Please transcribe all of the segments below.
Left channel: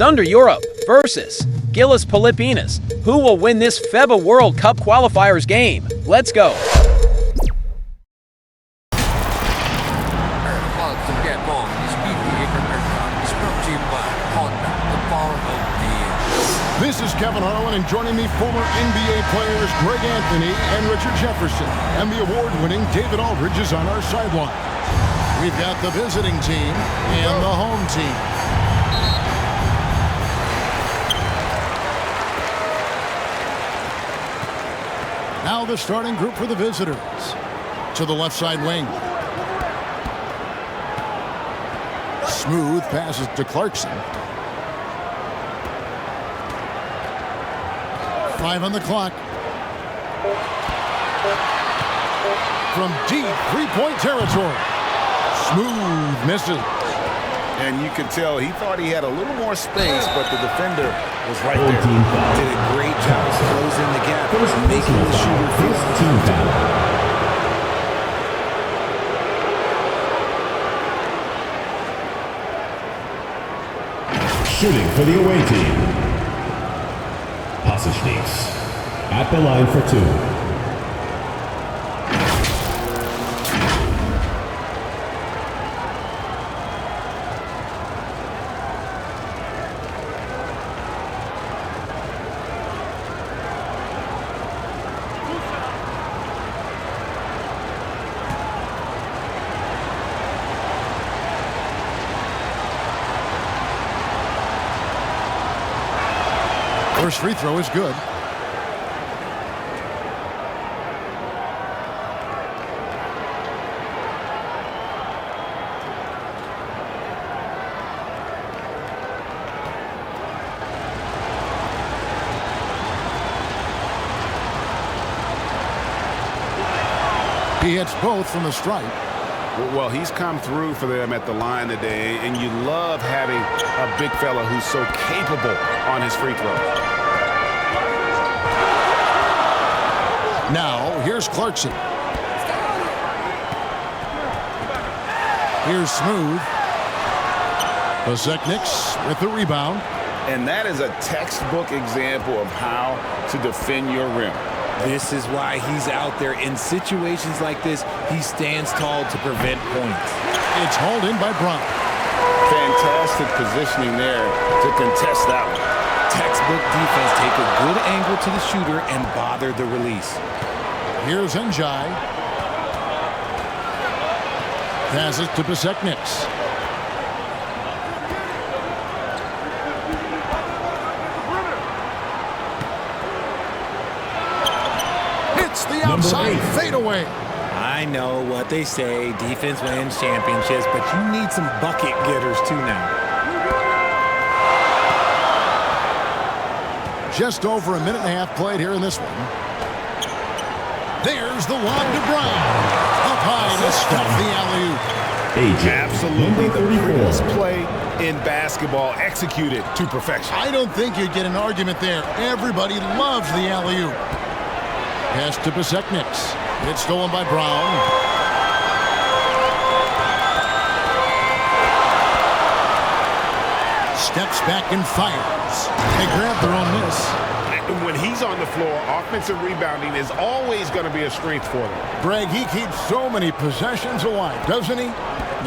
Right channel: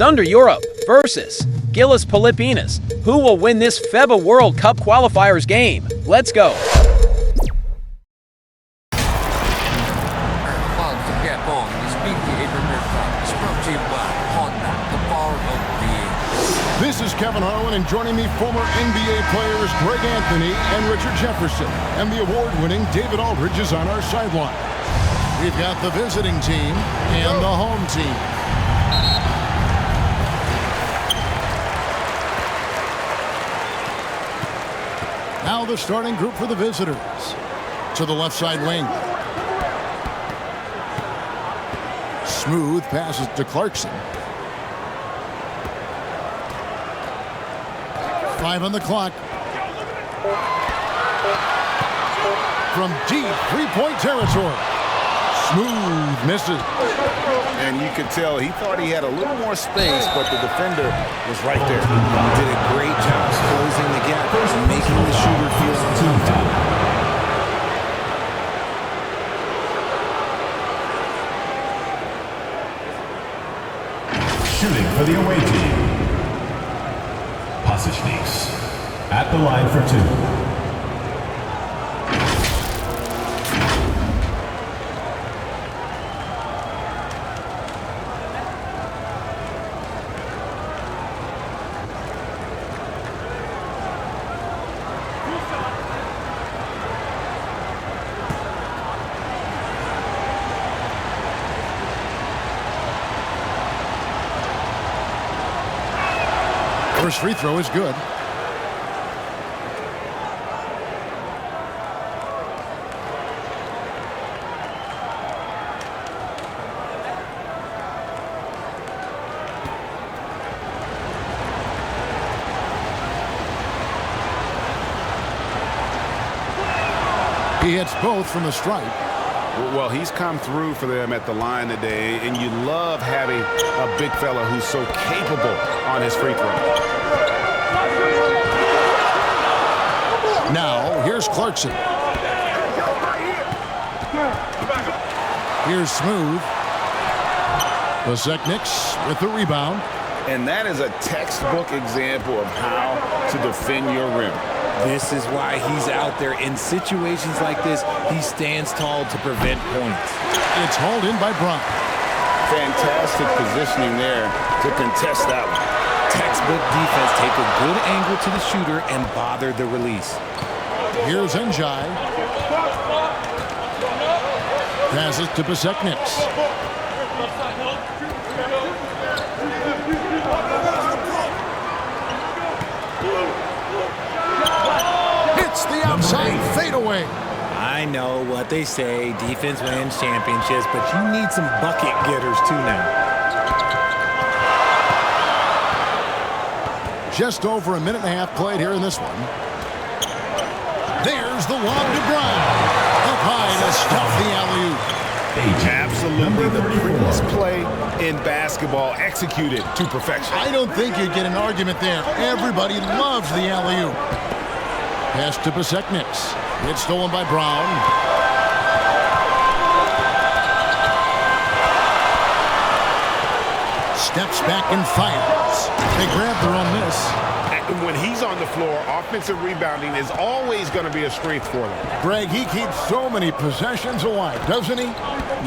Zunder Europe versus GILAS Pilipinas. Who will win this FIBA World Cup qualifiers game? Let's go. About to get ball in this PBA Premier Cup is brought to you by Honda, the power of being. This is Kevin Harlan, and joining me, former NBA players Greg Anthony and Richard Jefferson. And the award-winning David Aldridge is on our sideline. We've got the visiting team and the home team. Now the starting group for the visitors. To the left side wing. Smooth passes to Clarkson. 5 on the clock. From deep three-point territory. Smooth misses. And you could tell he thought he had a little more space, but the defender was right there. Did a great job closing the gap, making the shooter feel uncomfortable. Shooting for the away team. Pasechniks at the line for 2. First free throw is good. He hits both from the stripe. Well, he's come through for them at the line today, and you love having a big fella who's so capable on his free throws. Now, here's Clarkson. Here's Smooth. Pasechniks with the rebound. And that is a textbook example of how to defend your rim. This is why he's out there. In situations like this, he stands tall to prevent points. It's hauled in by Brown. Fantastic positioning there to contest that one. Textbook defense. Take a good angle to the shooter and bother the release. Here's Njai. Passes to Pasechniks. Hits the outside fadeaway. I know what they say, defense wins championships, but you need some bucket getters too now. Just over a minute and a half played here in this one. There's the lob to Brown. Up high to stuff the alley-oop. Absolutely the prettiest play in basketball, executed to perfection. I don't think you'd get an argument there. Everybody loves the alley-oop. Pass to Pasechniks. It's stolen by Brown. Steps back and fires. They grab their own miss. And when he's on the floor, offensive rebounding is always going to be a strength for them. Greg, he keeps so many possessions alive, doesn't he?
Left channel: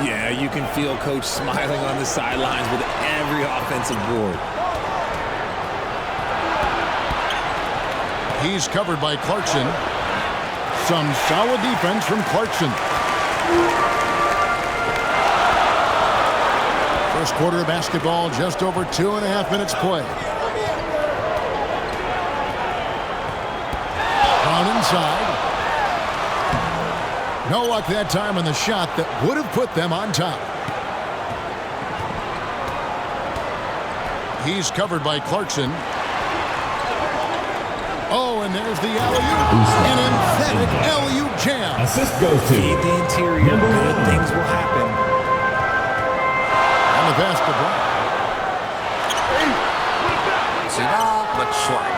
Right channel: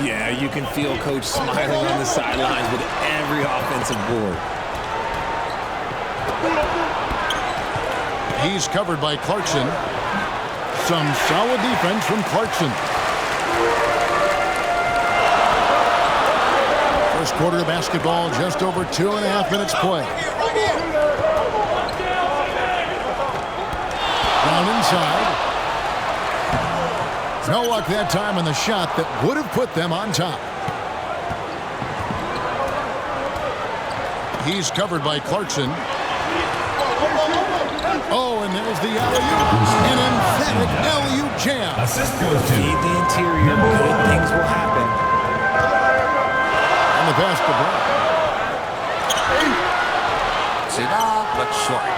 Yeah, you can feel Coach smiling on the sidelines with every offensive board. He's covered by Clarkson. Some solid defense from Clarkson. First quarter of basketball, just over 2.5 minutes play. Brown inside. No luck that time on the shot that would have put them on top. He's covered by Clarkson. Oh, and there's the alley-oop. An emphatic alley-oop jam. Assist goes to Feed the interior. Good things will happen. And the pass to Brown. Sit up, but short.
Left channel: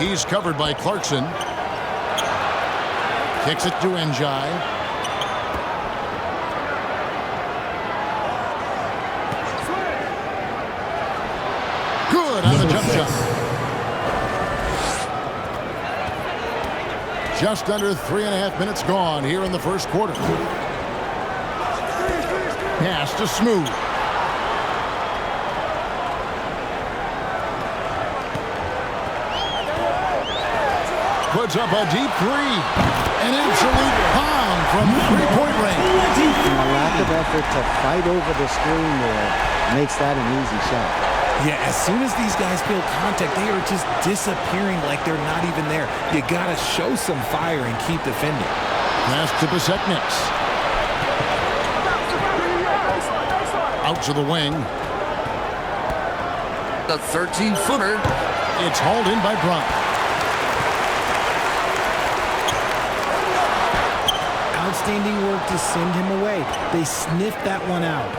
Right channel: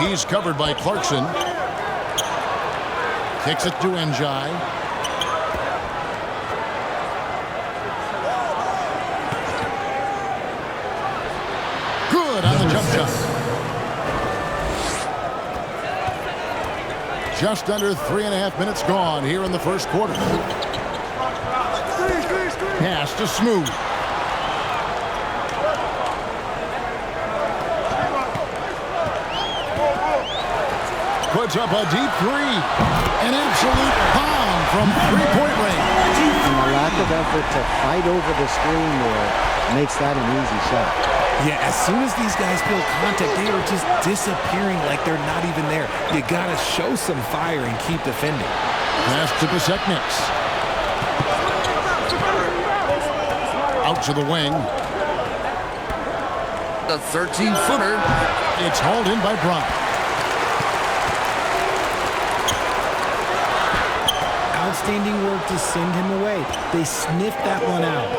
He's covered by Clarkson. Kicks it to Njai. shot. Just under 3.5 minutes gone here in the first quarter. Pass to Smooth. Puts up a deep three. An absolute bomb from three-point range. And the lack of effort to fight over the screen there makes that an easy shot. Yeah, as soon as these guys feel contact, they are just disappearing like they're not even there. You got to show some fire and keep defending. Pass to Basekniks. Out to the wing. The 13-footer. It's hauled in by Brown. Outstanding work to send him away. They sniffed that one out.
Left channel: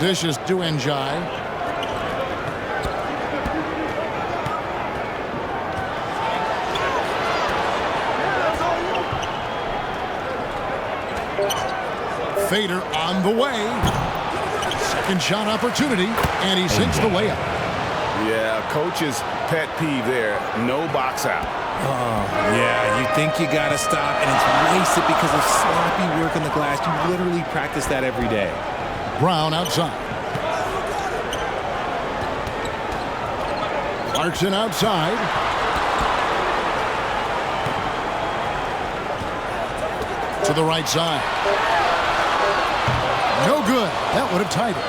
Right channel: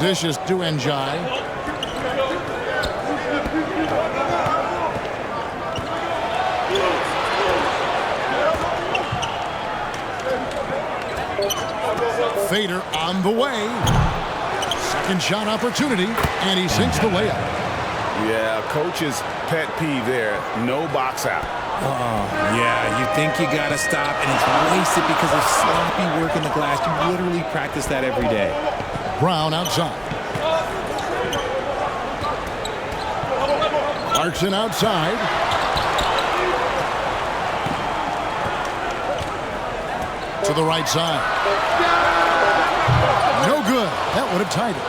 Dishes to Njai. Fader on the way. Second shot opportunity, and he sinks the layup. Yeah, coach's pet peeve there. No box out. Yeah, you think you got to stop, and it's wasted because of sloppy work in the glass. You literally practice that every day. Brown outside. Clarkson outside. To the right side. No good. That would have tied it.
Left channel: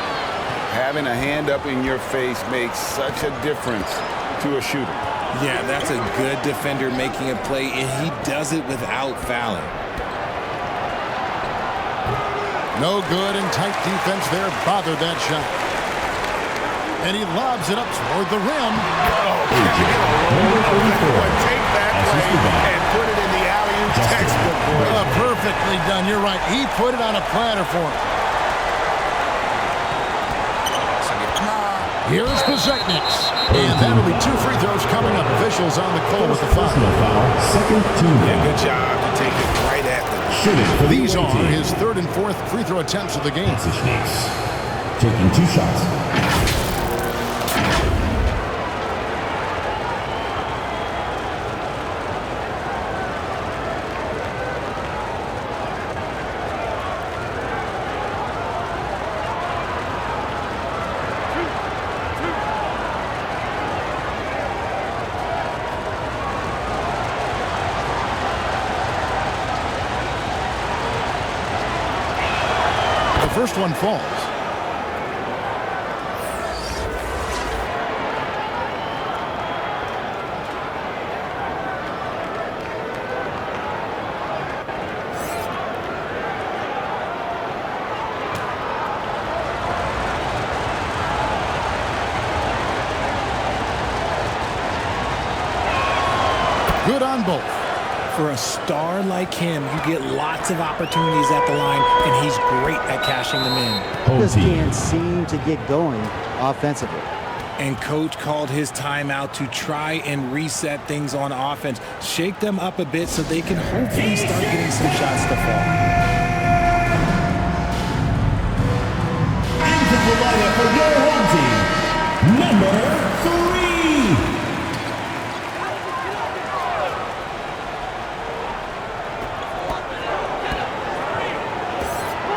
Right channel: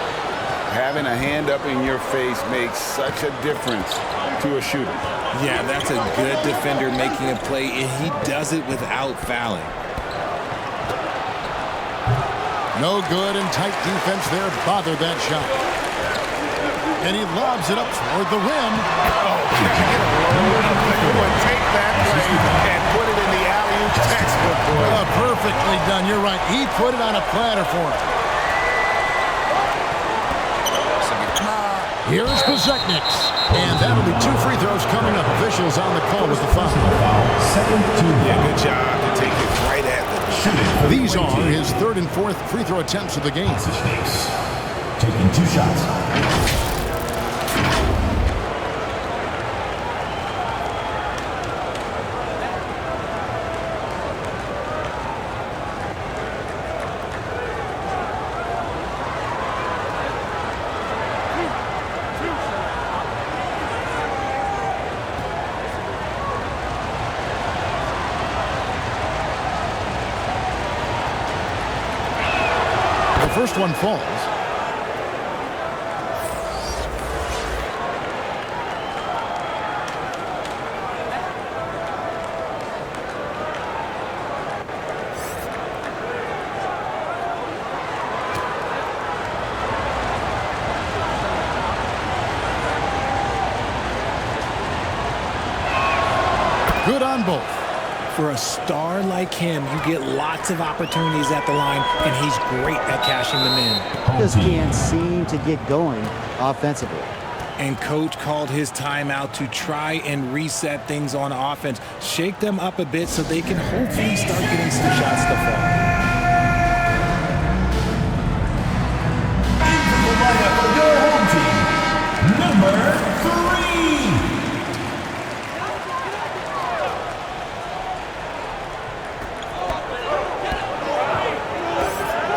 Having a hand up in your face makes such a difference to a shooter. Yeah, that's a good defender making a play, and he does it without fouling. No good, and tight defense there bothered that shot. And he lobs it up toward the rim. Oh, can I get a load of that one? Take that play and put it in the alley-oop textbook, boy. Perfectly done. You're right. He put it on a platter for him. Here's Basekniks. And that'll be 2 free throws coming up. Officials on the call with the foul. Second team Yeah, foul. good job to take it right at the Shooting for the These away are team. his 3rd and 4th free throw attempts of the game. Snakes taking 2 shots. The first one falls. Good on both. For a star like him, you get lots of opportunities at the line, and he's great at cashing them in. Just can't seem to get going offensively. And coach called his timeout to try and reset things on offense. Shake them up a bit so they can hopefully start getting some shots to fall. Into the lineup for your home team, number 3.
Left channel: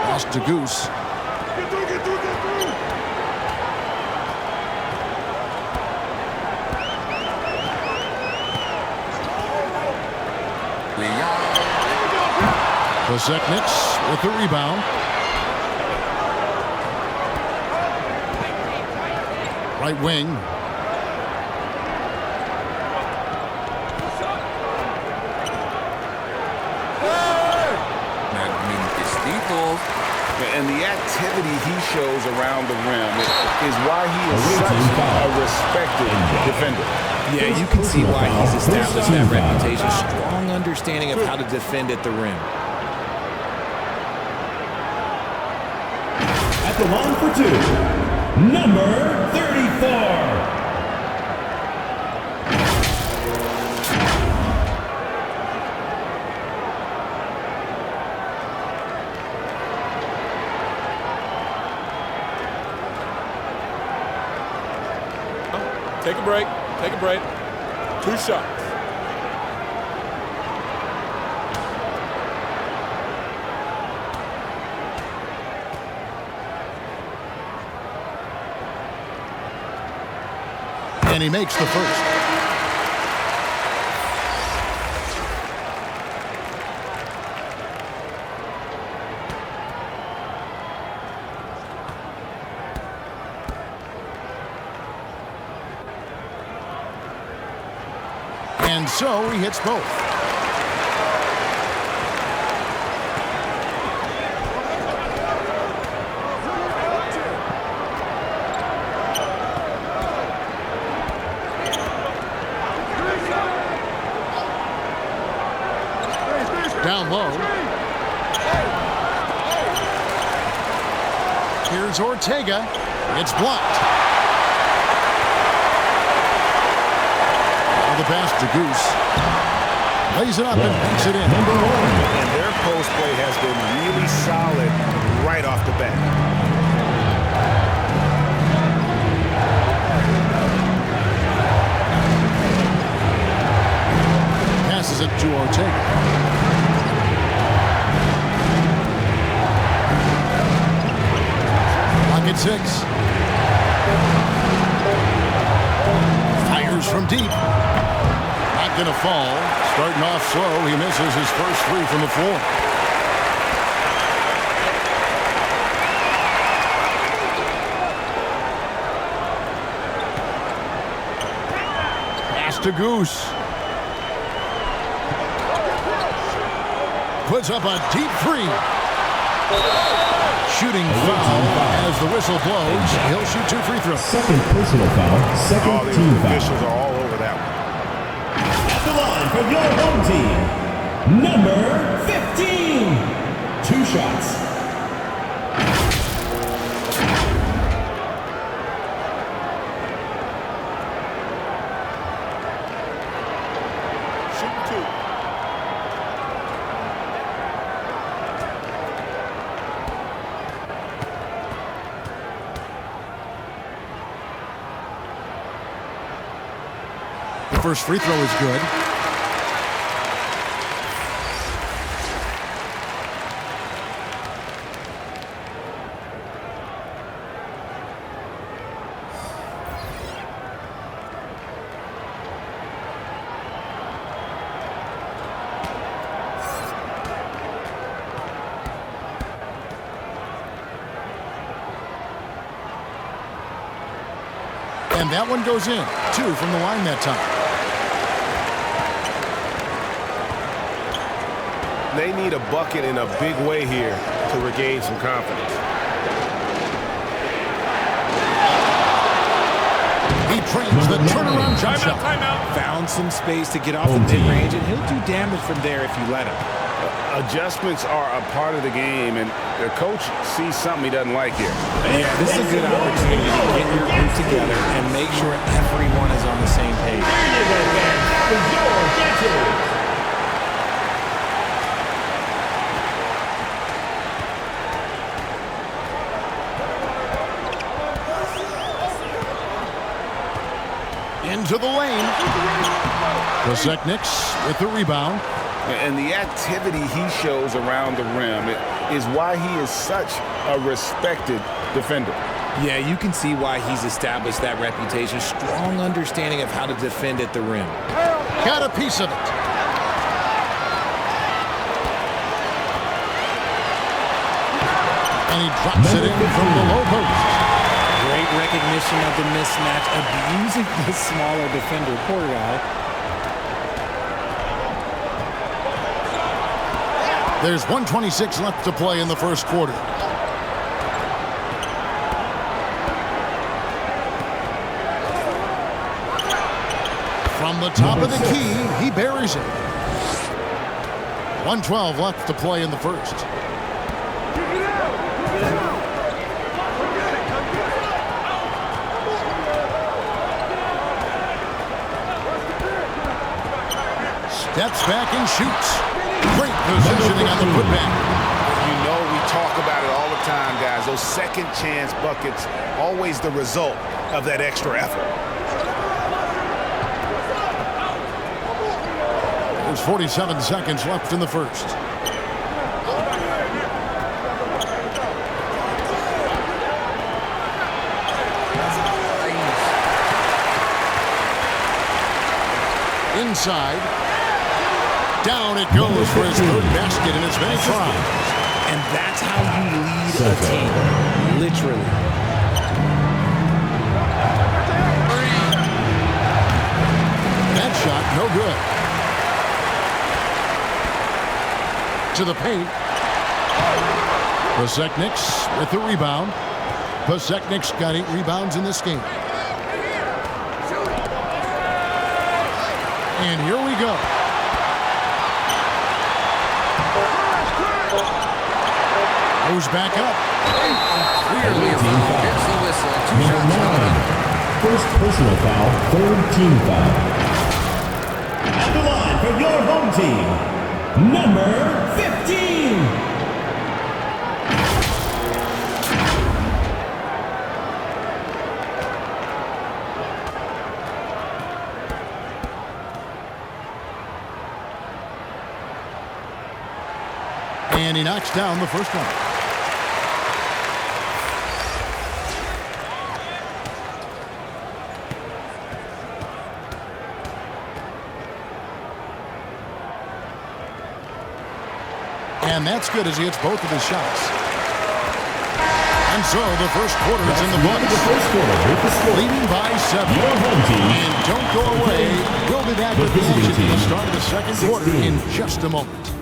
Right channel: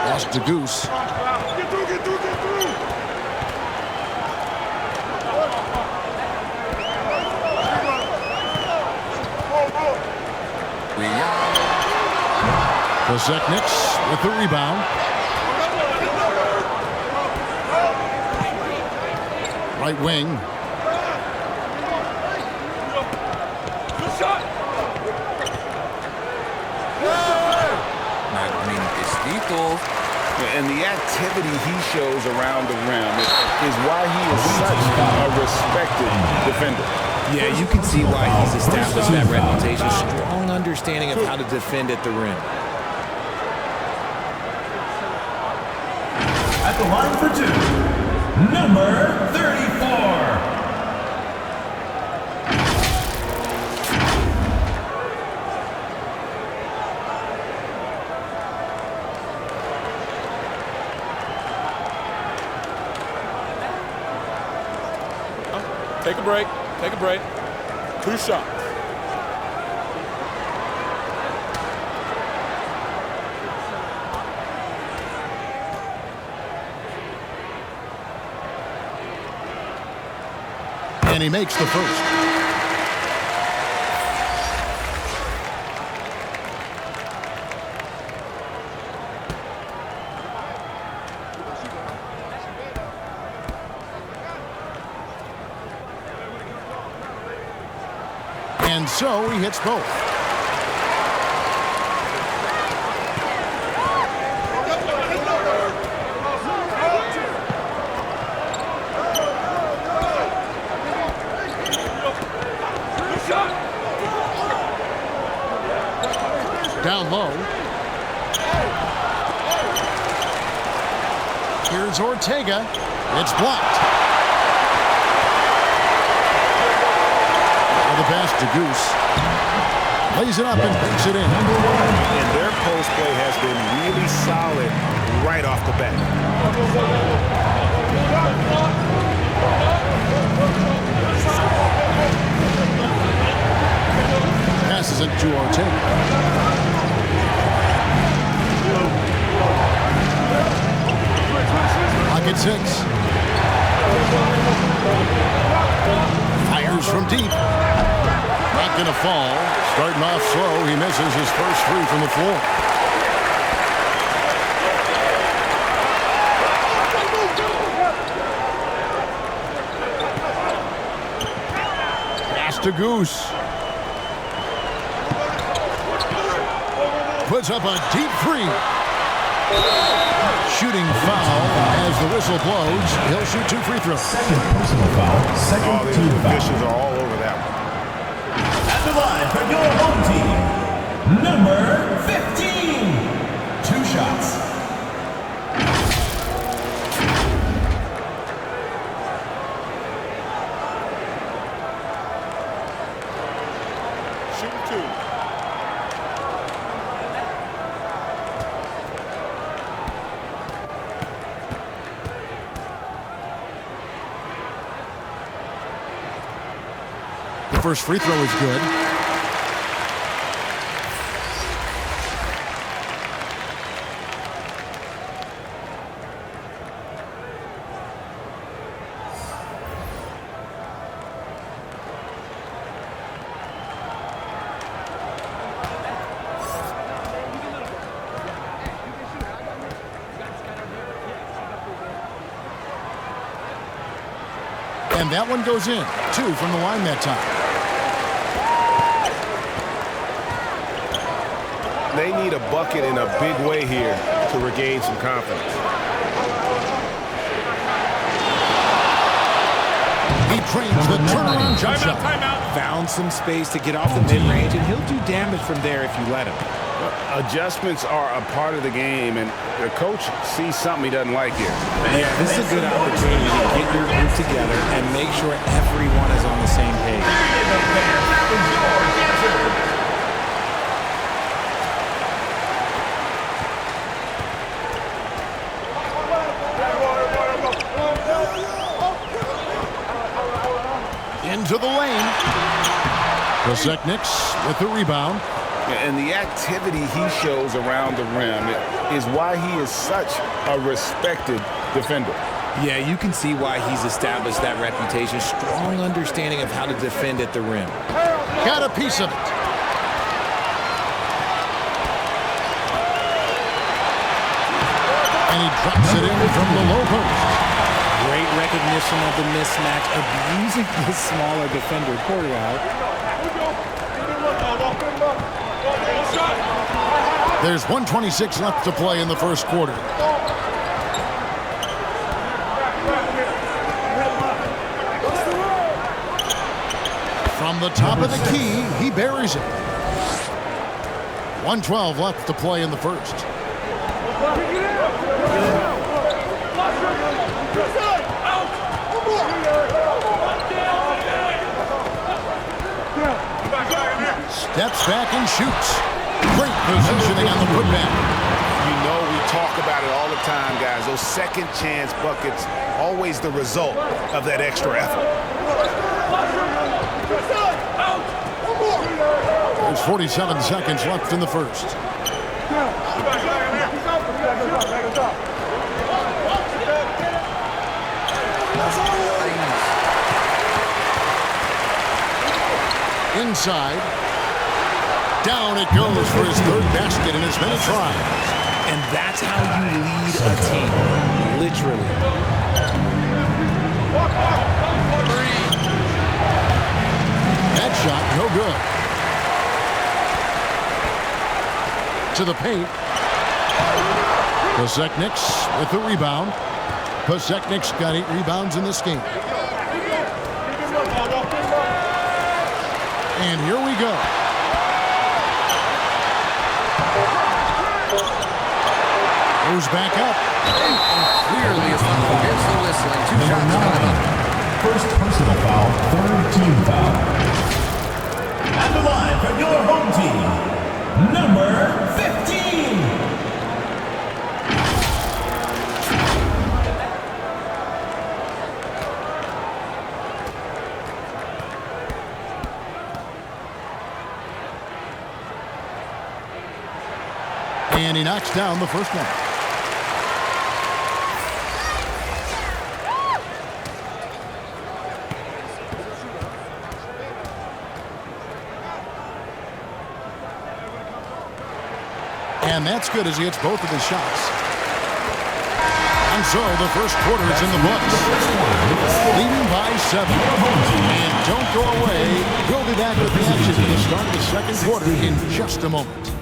Pass to Goose. Get through! Basekniks with the rebound. Right wing. Nagmintis dito. And the activity he shows around the rim is why he is such a respected defender. Yeah, you can see why he's established that reputation. Strong understanding of how to defend at the rim. At the line for 2, number 34. Take a break. Take a break. 2 shots. And he makes the first. And so he hits both. Down low. Here's Ortega. It's blocked. Now the pass to Goose. Lays it up and banks it in. And their post play has been really solid right off the bat. Passes it to Ortega. Pocket 6. Fires from deep. Not going to fall. Starting off slow, he misses his first 3 from the floor. Pass to Goose. Puts up a deep 3. Shooting foul as the whistle blows. He'll shoot 2 free throws. Second personal foul. Second team The foul. officials are all over that one. At the line for your home team, number 15. 2 shots. Shooting 2. The first free throw is good. And that one goes in. 2 from the line that time. They need a bucket in a big way here to regain some confidence. He trains the turnaround jump shot. Timeout. Found some space to get off the mid-range, and he'll do damage from there if you let him. Adjustments are a part of the game, and the coach sees something he doesn't like here. Yeah, this is a good opportunity to get your group together and make sure everyone is on the same page. There you go, fans. That was your answer. Into the lane. Kosekniks with the rebound. And the activity he shows around the rim is why he is such a respected defender. Yeah, you can see why he's established that reputation. Strong understanding of how to defend at the rim. Got a piece of it. And he drops it in from the low post. Great recognition of the mismatch, abusing the smaller defender. Poor guy. There's 1:26 left to play in the first quarter. From the top of the key, he buries it. 1:12 left to play in the first. Steps back and shoots. Great positioning on the putback. You know we talk about it all the time, guys. Those second chance buckets, always the result of that extra effort. There's 47 seconds left in the first. Inside. Down it goes for his third basket in as many tries. And that's how you lead a team. Literally. That shot, no good. To the paint. Pasechnik's with the rebound. Pasechnik's got 8 rebounds in this game. And here we go. Goes back up. Clearly a foul. Gets the whistle and 2 shots coming up. First personal foul, third team foul. At the line for your home team, number 15. And he knocks down the first one. And that's good as he hits both of his shots. And so the first quarter is in the books. Leading by 7. And don't go away. We'll be back with the action for the start of the second quarter in just a moment.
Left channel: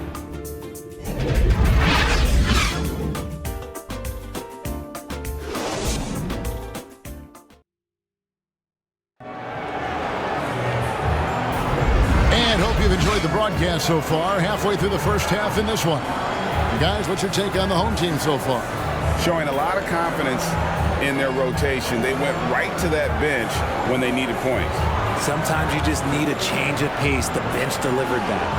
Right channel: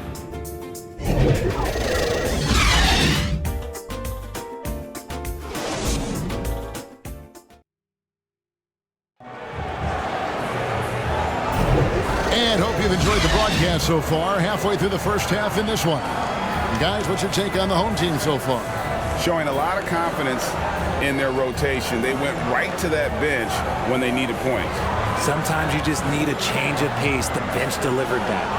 And hope you've enjoyed the broadcast so far. Halfway through the first half in this one. Guys, what's your take on the home team so far? Showing a lot of confidence in their rotation. They went right to that bench when they needed points. Sometimes you just need a change of pace. The bench delivered that.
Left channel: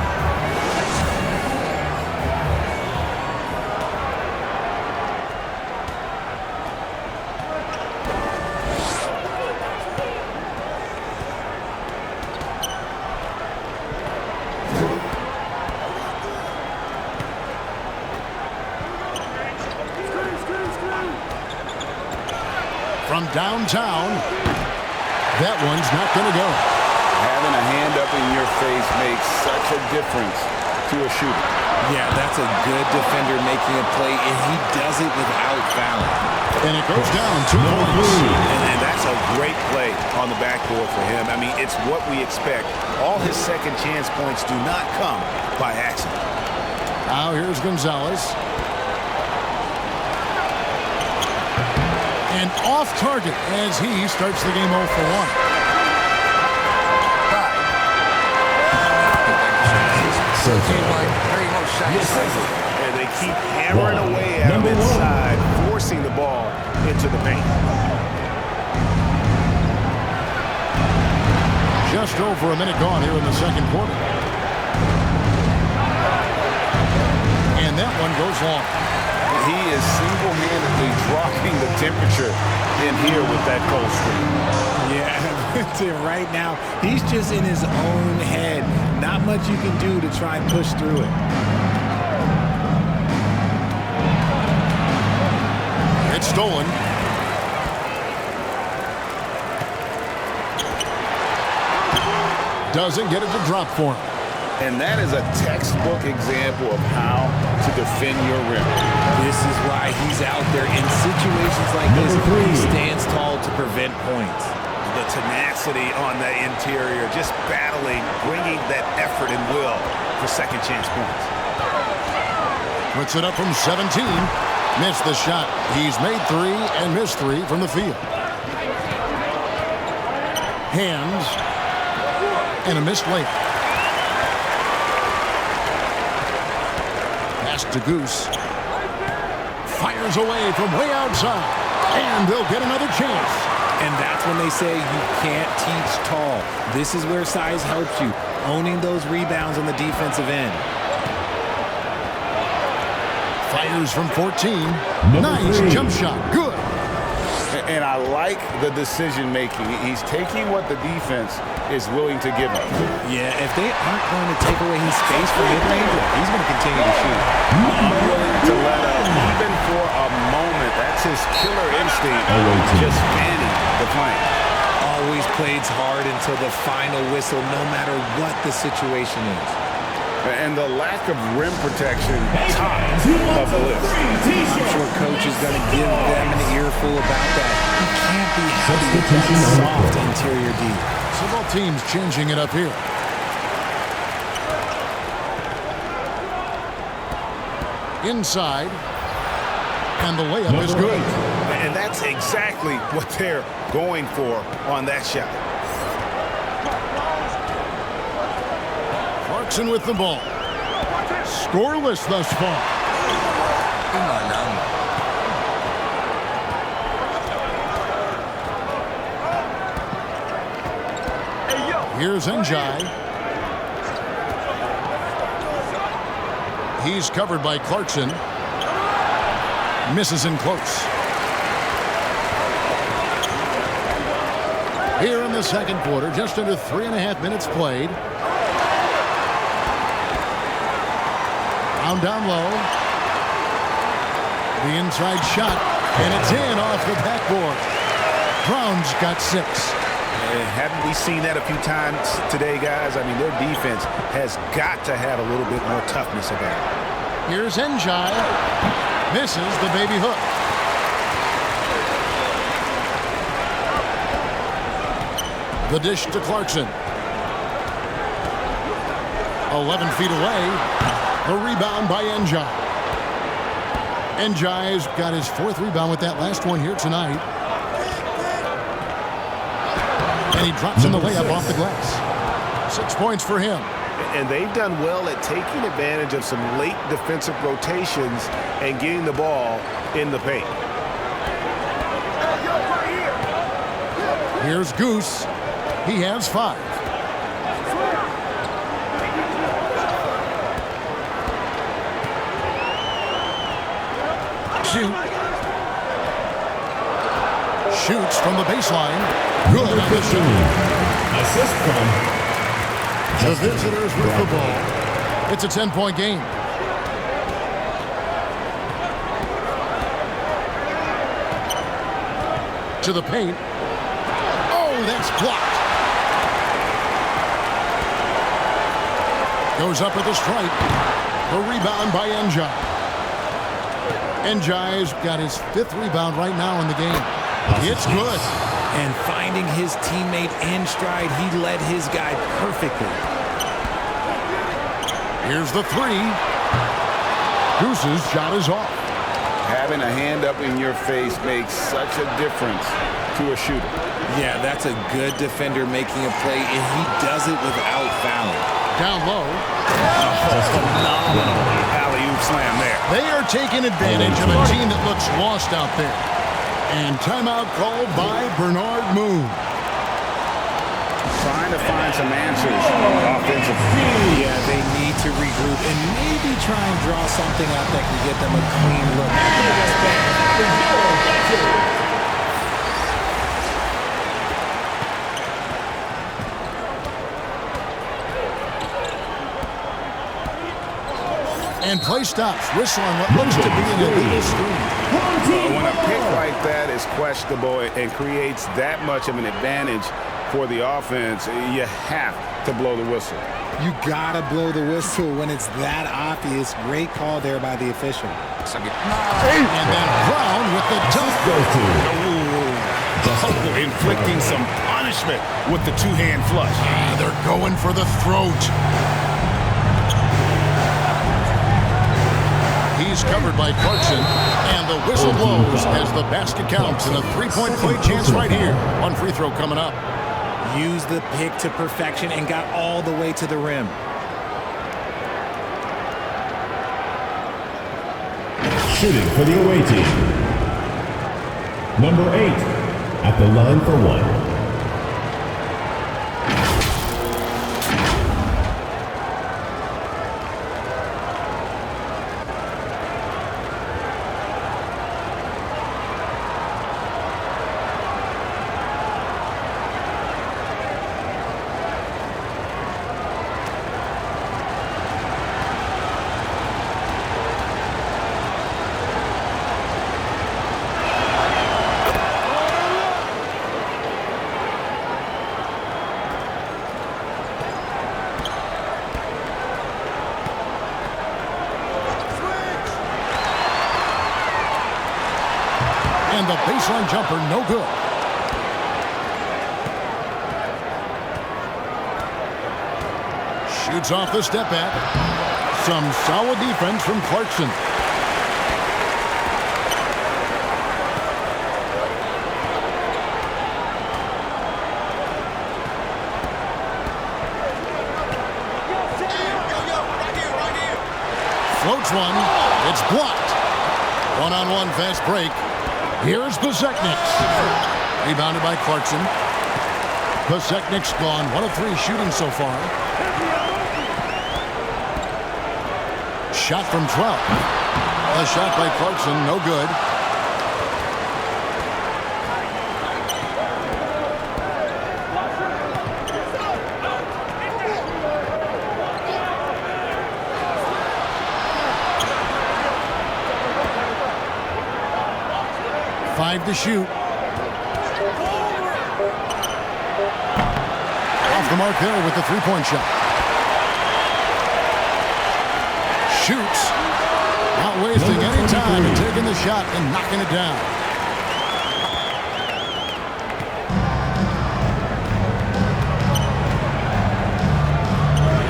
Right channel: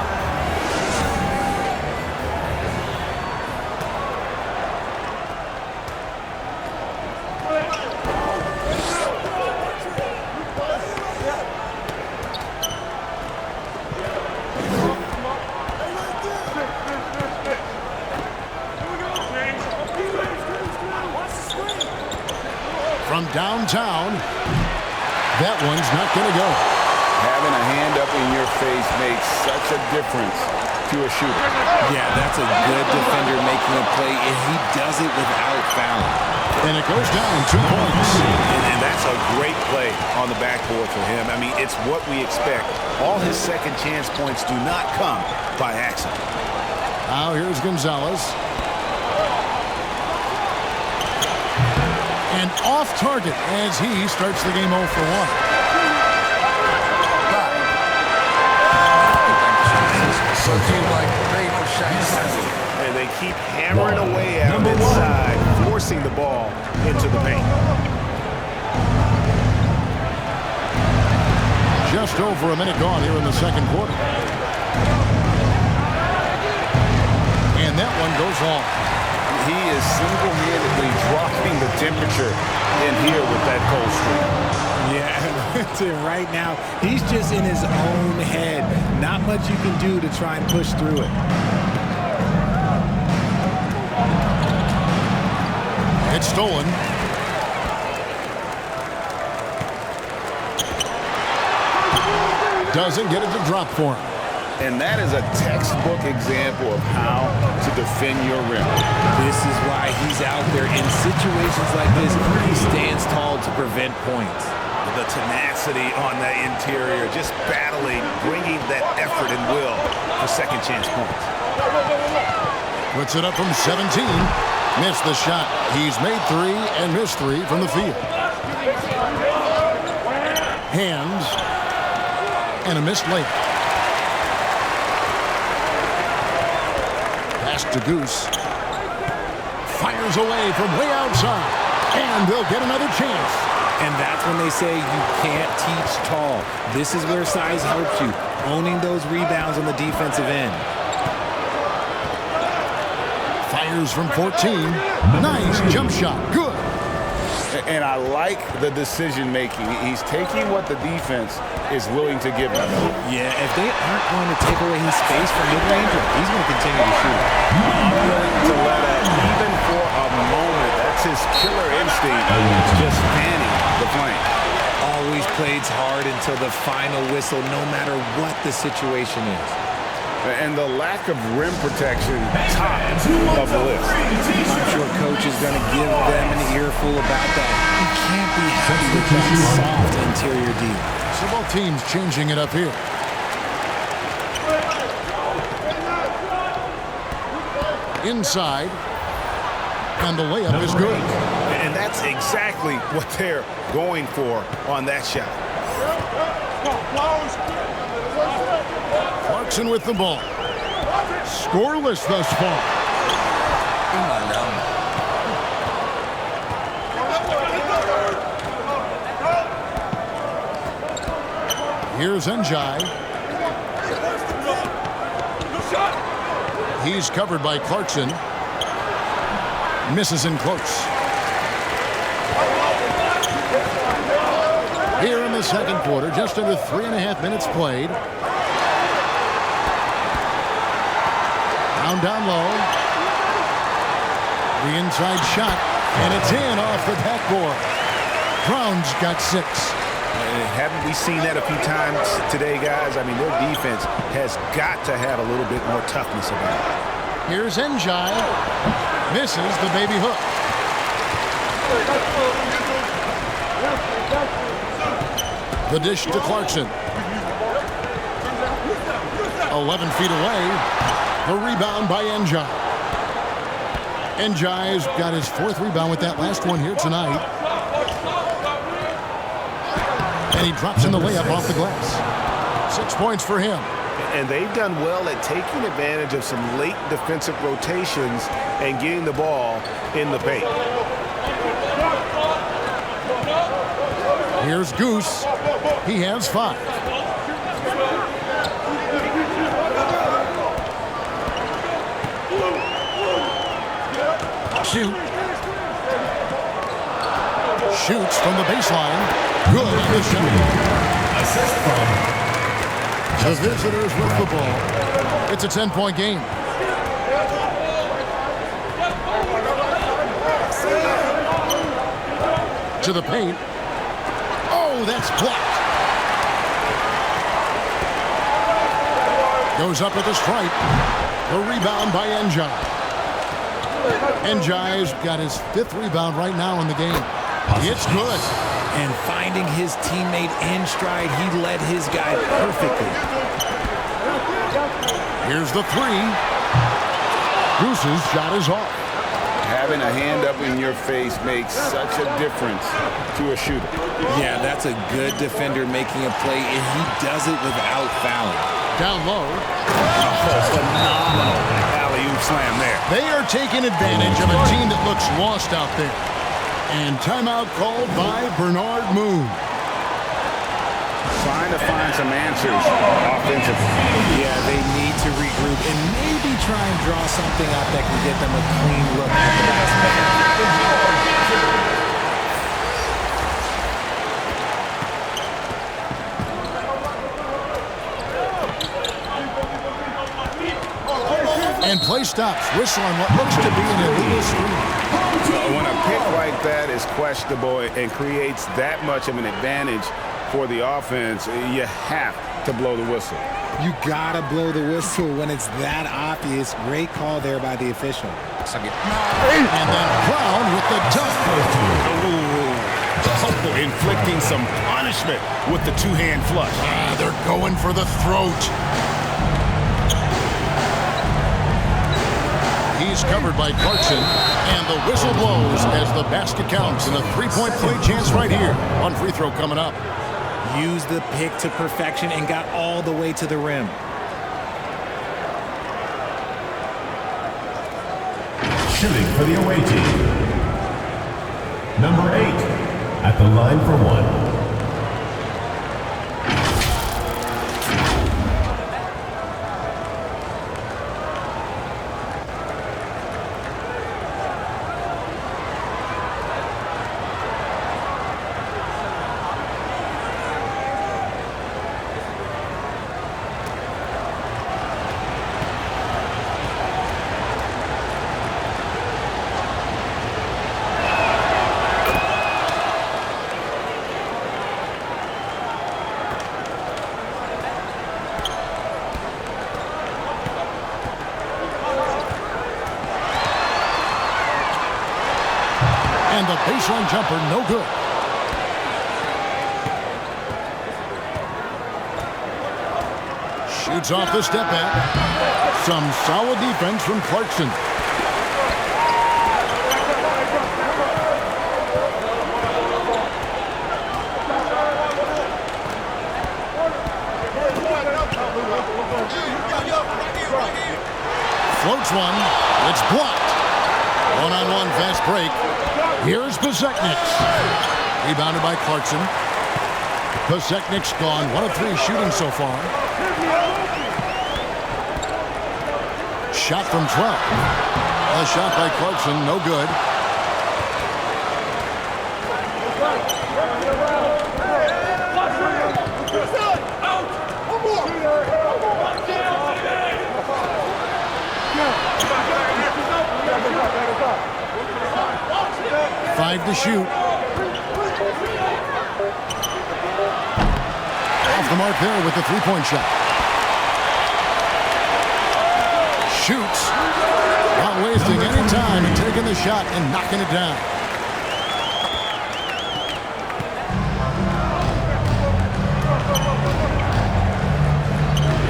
From downtown, that one's not going to go. Having a hand up in your face makes such a difference to a shooter. Yeah, that's a good defender making a play, and he does it without fouling. And it goes down 2 points. And that's a great play on the backboard for him. I mean, it's what we expect. All his second chance points do not come by accident. Now here's Gonzalez. And off target as he starts the game 0 for 1. And they keep hammering away at him inside, forcing the ball into the paint. Just over a minute gone here in the second quarter. And that one goes long. He is single-handedly dropping the temperature in here with that cold streak. Yeah, right now, he's just in his own head. Not much you can do to try and push through it. It's stolen. Doesn't get it to drop for him. And that is a textbook example of how to defend your rim. This is why he's out there in situations like this. He stands tall to prevent points. The tenacity on the interior, just battling, bringing that effort and will for second chance points. Puts it up from 17. Missed the shot. He's made 3 and missed 3 from the field. Hands. And a missed layup. Pass to Goose. Fires away from way outside. And they'll get another chance. And that's when they say you can't teach tall. This is where size helps you. Owning those rebounds on the defensive end. Fires from 14. Nice jump shot. Good. And I like the decision making. He's taking what the defense is willing to give him. Yeah, if they aren't going to take away his space from mid-range, he's going to continue to shoot. Unwilling to let up, even for a moment. That's his killer instinct, just fanning the flank. Always plays hard until the final whistle, no matter what the situation is. And the lack of rim protection, top of the list. I'm sure coach is going to give them an earful about that. You can't be happy with that soft interior D. So both teams changing it up here. Inside. And the layup is good. And that's exactly what they're going for on that shot. Clarkson with the ball. Scoreless thus far. Here's Njai. He's covered by Clarkson. Misses in close. Here in the second quarter, just under 3.5 minutes played. Down low. The inside shot, and it's in off the backboard. Brown's got 6. Haven't we seen that a few times today, guys? I mean, their defense has got to have a little bit more toughness about it. Here's Njai. Misses the baby hook. The dish to Clarkson. 11 feet away. The rebound by Njai. Njai's got his 4th rebound with that last one here tonight. And he drops in the layup off the glass. 6 points for him. And they've done well at taking advantage of some late defensive rotations and getting the ball in the paint. Here's Goose. He has 5. Shoots from the baseline. Good on the shot. Assist from the visitors with the ball. It's a 10-point game. To the paint. Oh, that's blocked. Goes up at the stripe. The rebound by Njai. Njai's got his 5th rebound right now in the game. It's good. And finding his teammate in stride, he led his guy perfectly. Here's the 3. Goose's shot is off. Having a hand up in your face makes such a difference to a shooter. Yeah, that's a good defender making a play, and he does it without fouling. Down low. Oh, phenomenal alley-oop slam there. They are taking advantage of a team that looks lost out there. And timeout called by Bernard Moon. Trying to find some answers offensively. Yeah, they need to regroup and maybe try and draw something up that can get them a clean look at the basket. And play stops. Whistle on what looks to be an illegal screen. When a pick like that is questionable and creates that much of an advantage for the offense, you have to blow the whistle. You gotta blow the whistle when it's that obvious. Great call there by the official. And then Brown with the dunk. Inflicting some punishment with the two-hand flush. They're going for the throat. He's covered by Clarkson, and the whistle blows as the basket counts, and a 3-point play chance right here. One free throw coming up. Used the pick to perfection and got all the way to the rim. Shooting for the away team. Number 8 at the line for 1. And the baseline jumper, no good. Shoots off the step back. Some solid defense from Clarkson. Floats one. It's blocked. One-on-one fast break. Here's Pasechnik's. Rebounded by Clarkson. Pasechnik's gone 1 of 3 shooting so far. Shot from 12. A shot by Clarkson, no good. Five to shoot. Off the mark there with the three-point shot. Shoots. Not wasting any time and taking the shot and knocking it down.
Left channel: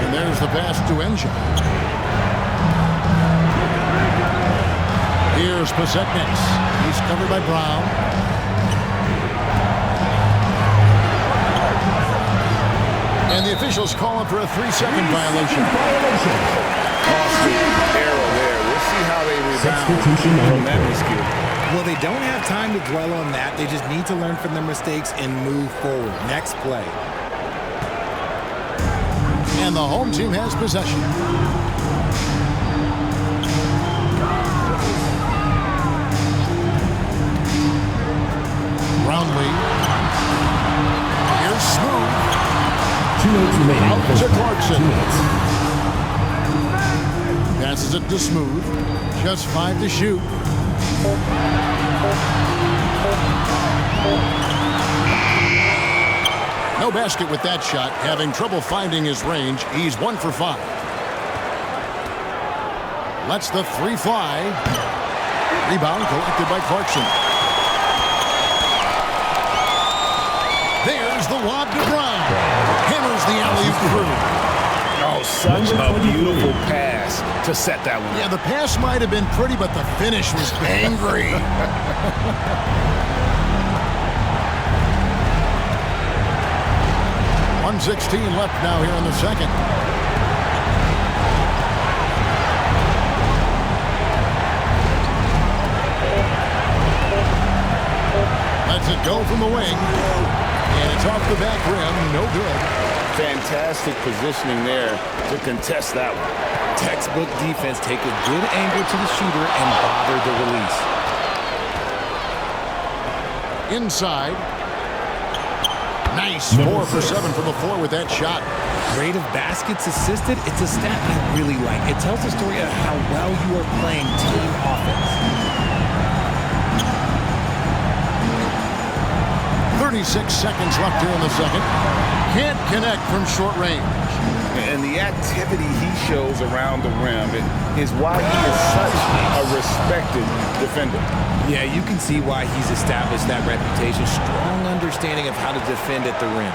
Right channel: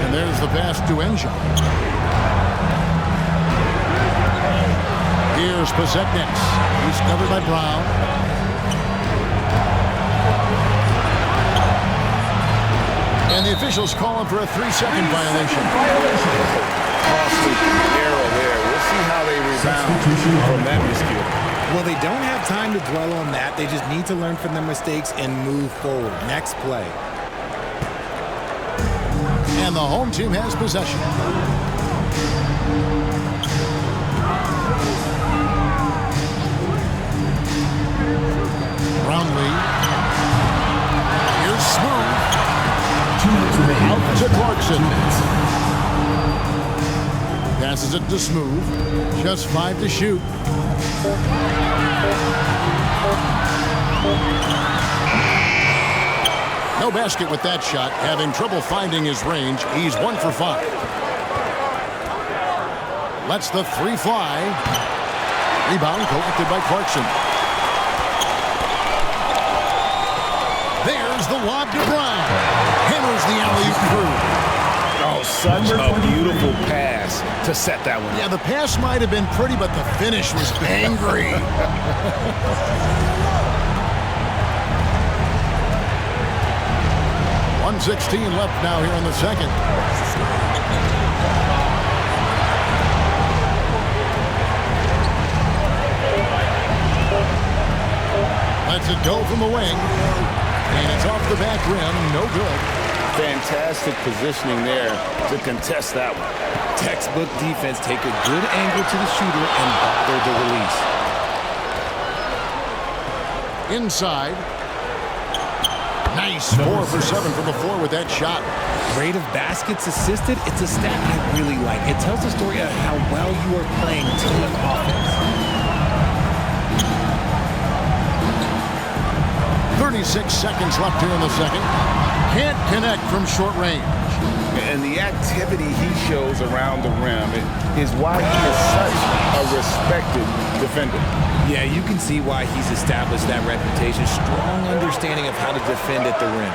And there's the pass to Enja. Here's Pasechnik's. He's covered by Brown. And the officials call him for a 3-second violation. Costly error there. We'll see how they rebound from that miscue. Well, they don't have time to dwell on that. They just need to learn from their mistakes and move forward. Next play. And the home team has possession. Brownlee. Here's Smooth. 2 minutes remaining. Out to Clarkson. 2 minutes. Passes it to Smooth. Just 5 to shoot. No basket with that shot. Having trouble finding his range. He's 1 for 5. Lets the 3 fly. Rebound collected by Clarkson. There's the lob to Brown. Hammers the alley-oop through. Oh, such a beautiful pass to set that one up. Yeah, the pass might have been pretty, but the finish was angry. 1:16 left now here in the second. Lets it go from the wing. And it's off the back rim. No good. Fantastic positioning there to contest that one. Textbook defense. Take a good angle to the shooter and bother the release. Inside. Nice. 4 for 7 from the floor with that shot. Rate of baskets assisted. It's a stat I really like. It tells the story of how well you are playing team offense. 36 seconds left here in the second. Can't connect from short range. And the activity he shows around the rim is why he is such a respected defender. Yeah, you can see why he's established that reputation. Strong understanding of how to defend at the rim.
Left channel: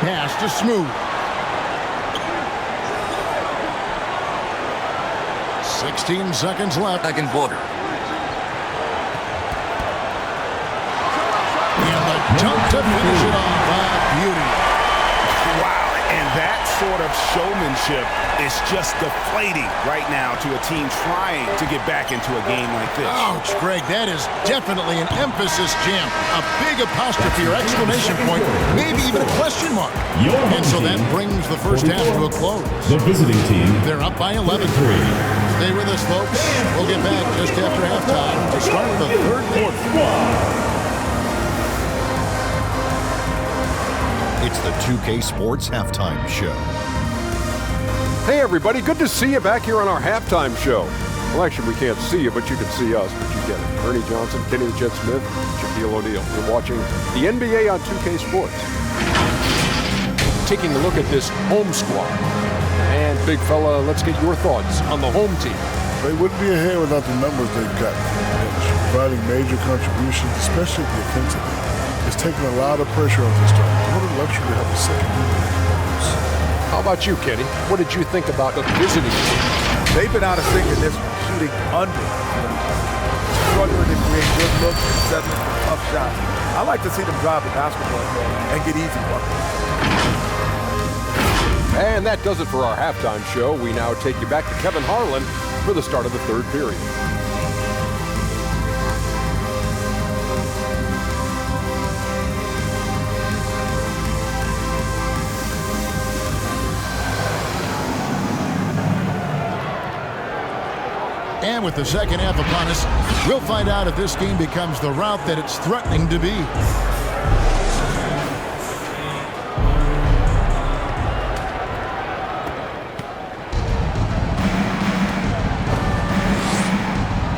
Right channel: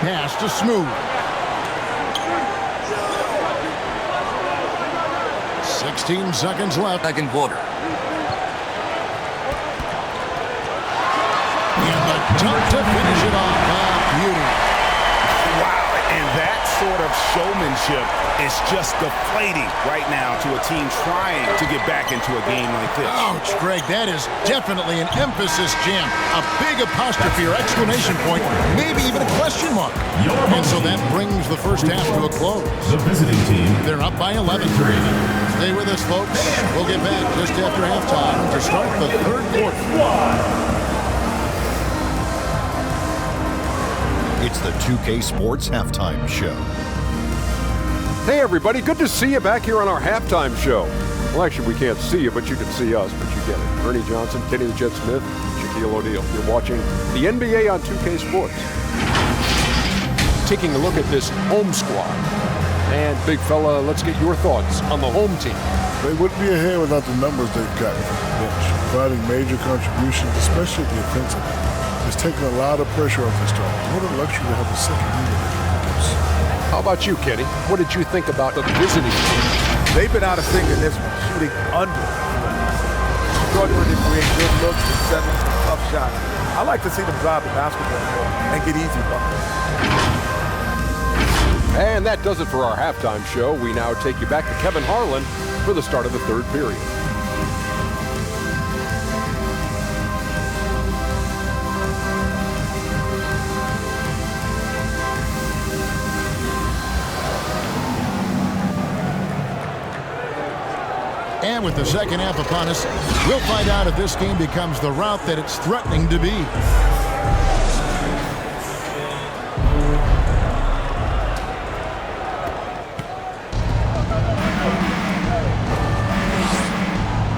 Pass to Smooth. 16 seconds left. Second quarter. And the dunk to finish it off. Beauty. Wow, and that sort of showmanship is just deflating right now to a team trying to get back into a game like this. Ouch, Greg, that is definitely an emphasis jam. A big apostrophe or exclamation point, maybe even a question mark. And so that brings the first half to a close. The visiting team. They're up by 11-3. Stay with us, folks. We'll get back just after halftime to start the third quarter. It's the 2K Sports Halftime Show. Hey everybody, good to see you back here on our halftime show. Well, actually we can't see you, but you can see us, but you get it. Ernie Johnson, Kenny the Jet Smith, Shaquille O'Neal. You're watching the NBA on 2K Sports. Taking a look at this home squad. And big fella, let's get your thoughts on the home team. They wouldn't be ahead without the numbers they've gotten from the bench, providing major contributions, especially at the offensive end. It's taken a lot of pressure off the start. What a luxury to have a second unit that can produce. How about you, Kenny? What did you think about the visiting team? They've been out of sync in this one, shooting under 40%. Struggling to create good looks and settling for tough shots. I like to see them drive the basketball more and get easy buckets. And that does it for our halftime show. We now take you back to Kevin Harlan for the start of the third period. And with the second half upon us, we'll find out if this game becomes the route that it's threatening to be.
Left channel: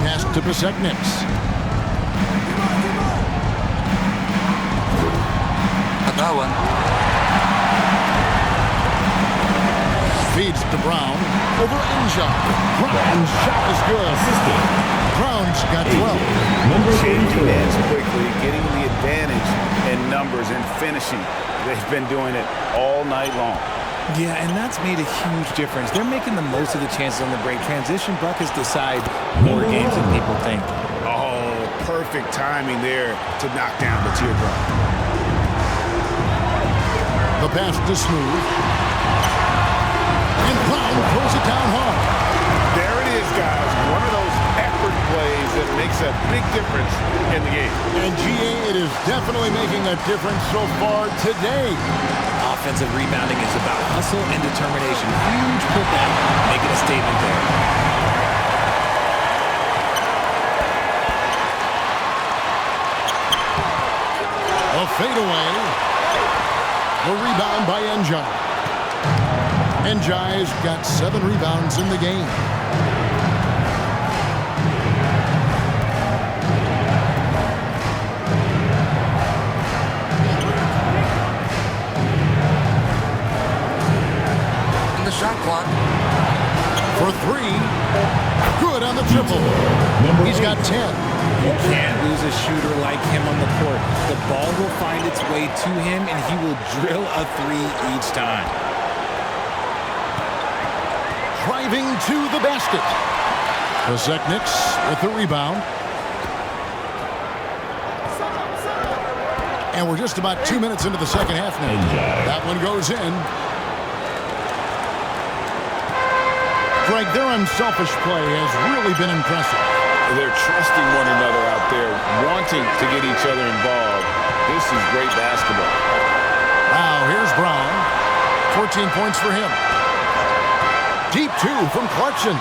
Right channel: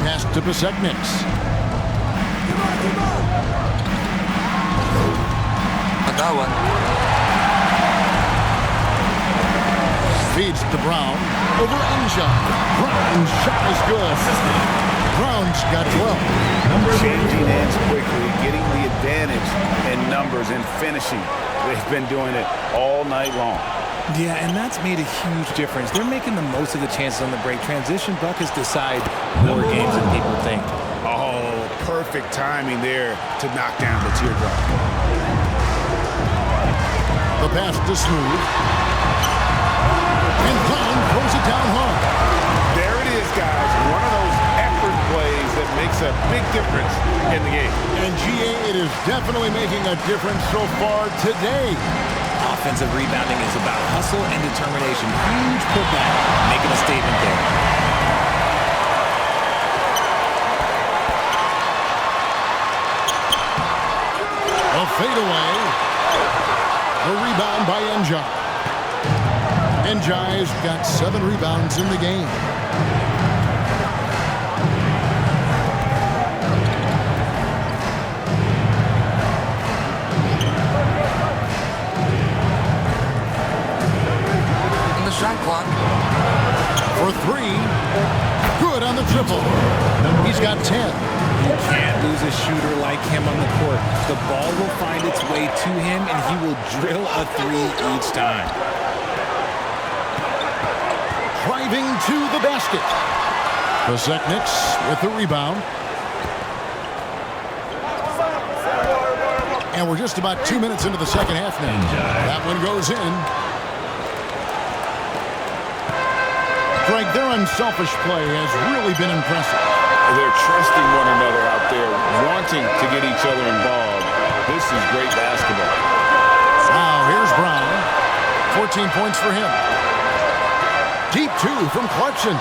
Pass to Standngs. Agawan. Feeds to Brown. Over Enja. Brown's shot is good. Brown's got 12. Changing ends quickly, getting the advantage in numbers and finishing. They've been doing it all night long. Yeah, and that's made a huge difference. They're making the most of the chances on the break. Transition buckets decide more games than people think. Oh, perfect timing there to knock down the teardrop. The pass to Smooth. And Brown throws it down hard. There it is, guys. One of those effort plays that makes a big difference in the game. And GA, it is definitely making a difference so far today. Offensive rebounding is about hustle and determination. Huge putback, making a statement there. A fadeaway. The rebound by Enja. Enja's got 7 rebounds in the game. The shot clock. For 3. Good on the triple. He's got 10. You can't lose a shooter like him on the court. The ball will find its way to him, and he will drill a 3 each time. Driving to the basket. Standngs with the rebound. And we're just about 2 minutes into the second half now. That one goes in. Greg, their unselfish play has really been impressive. They're trusting one another out there, wanting to get each other involved. This is great basketball. Now here's Brown. 14 points for him. Deep 2 from Clarkson.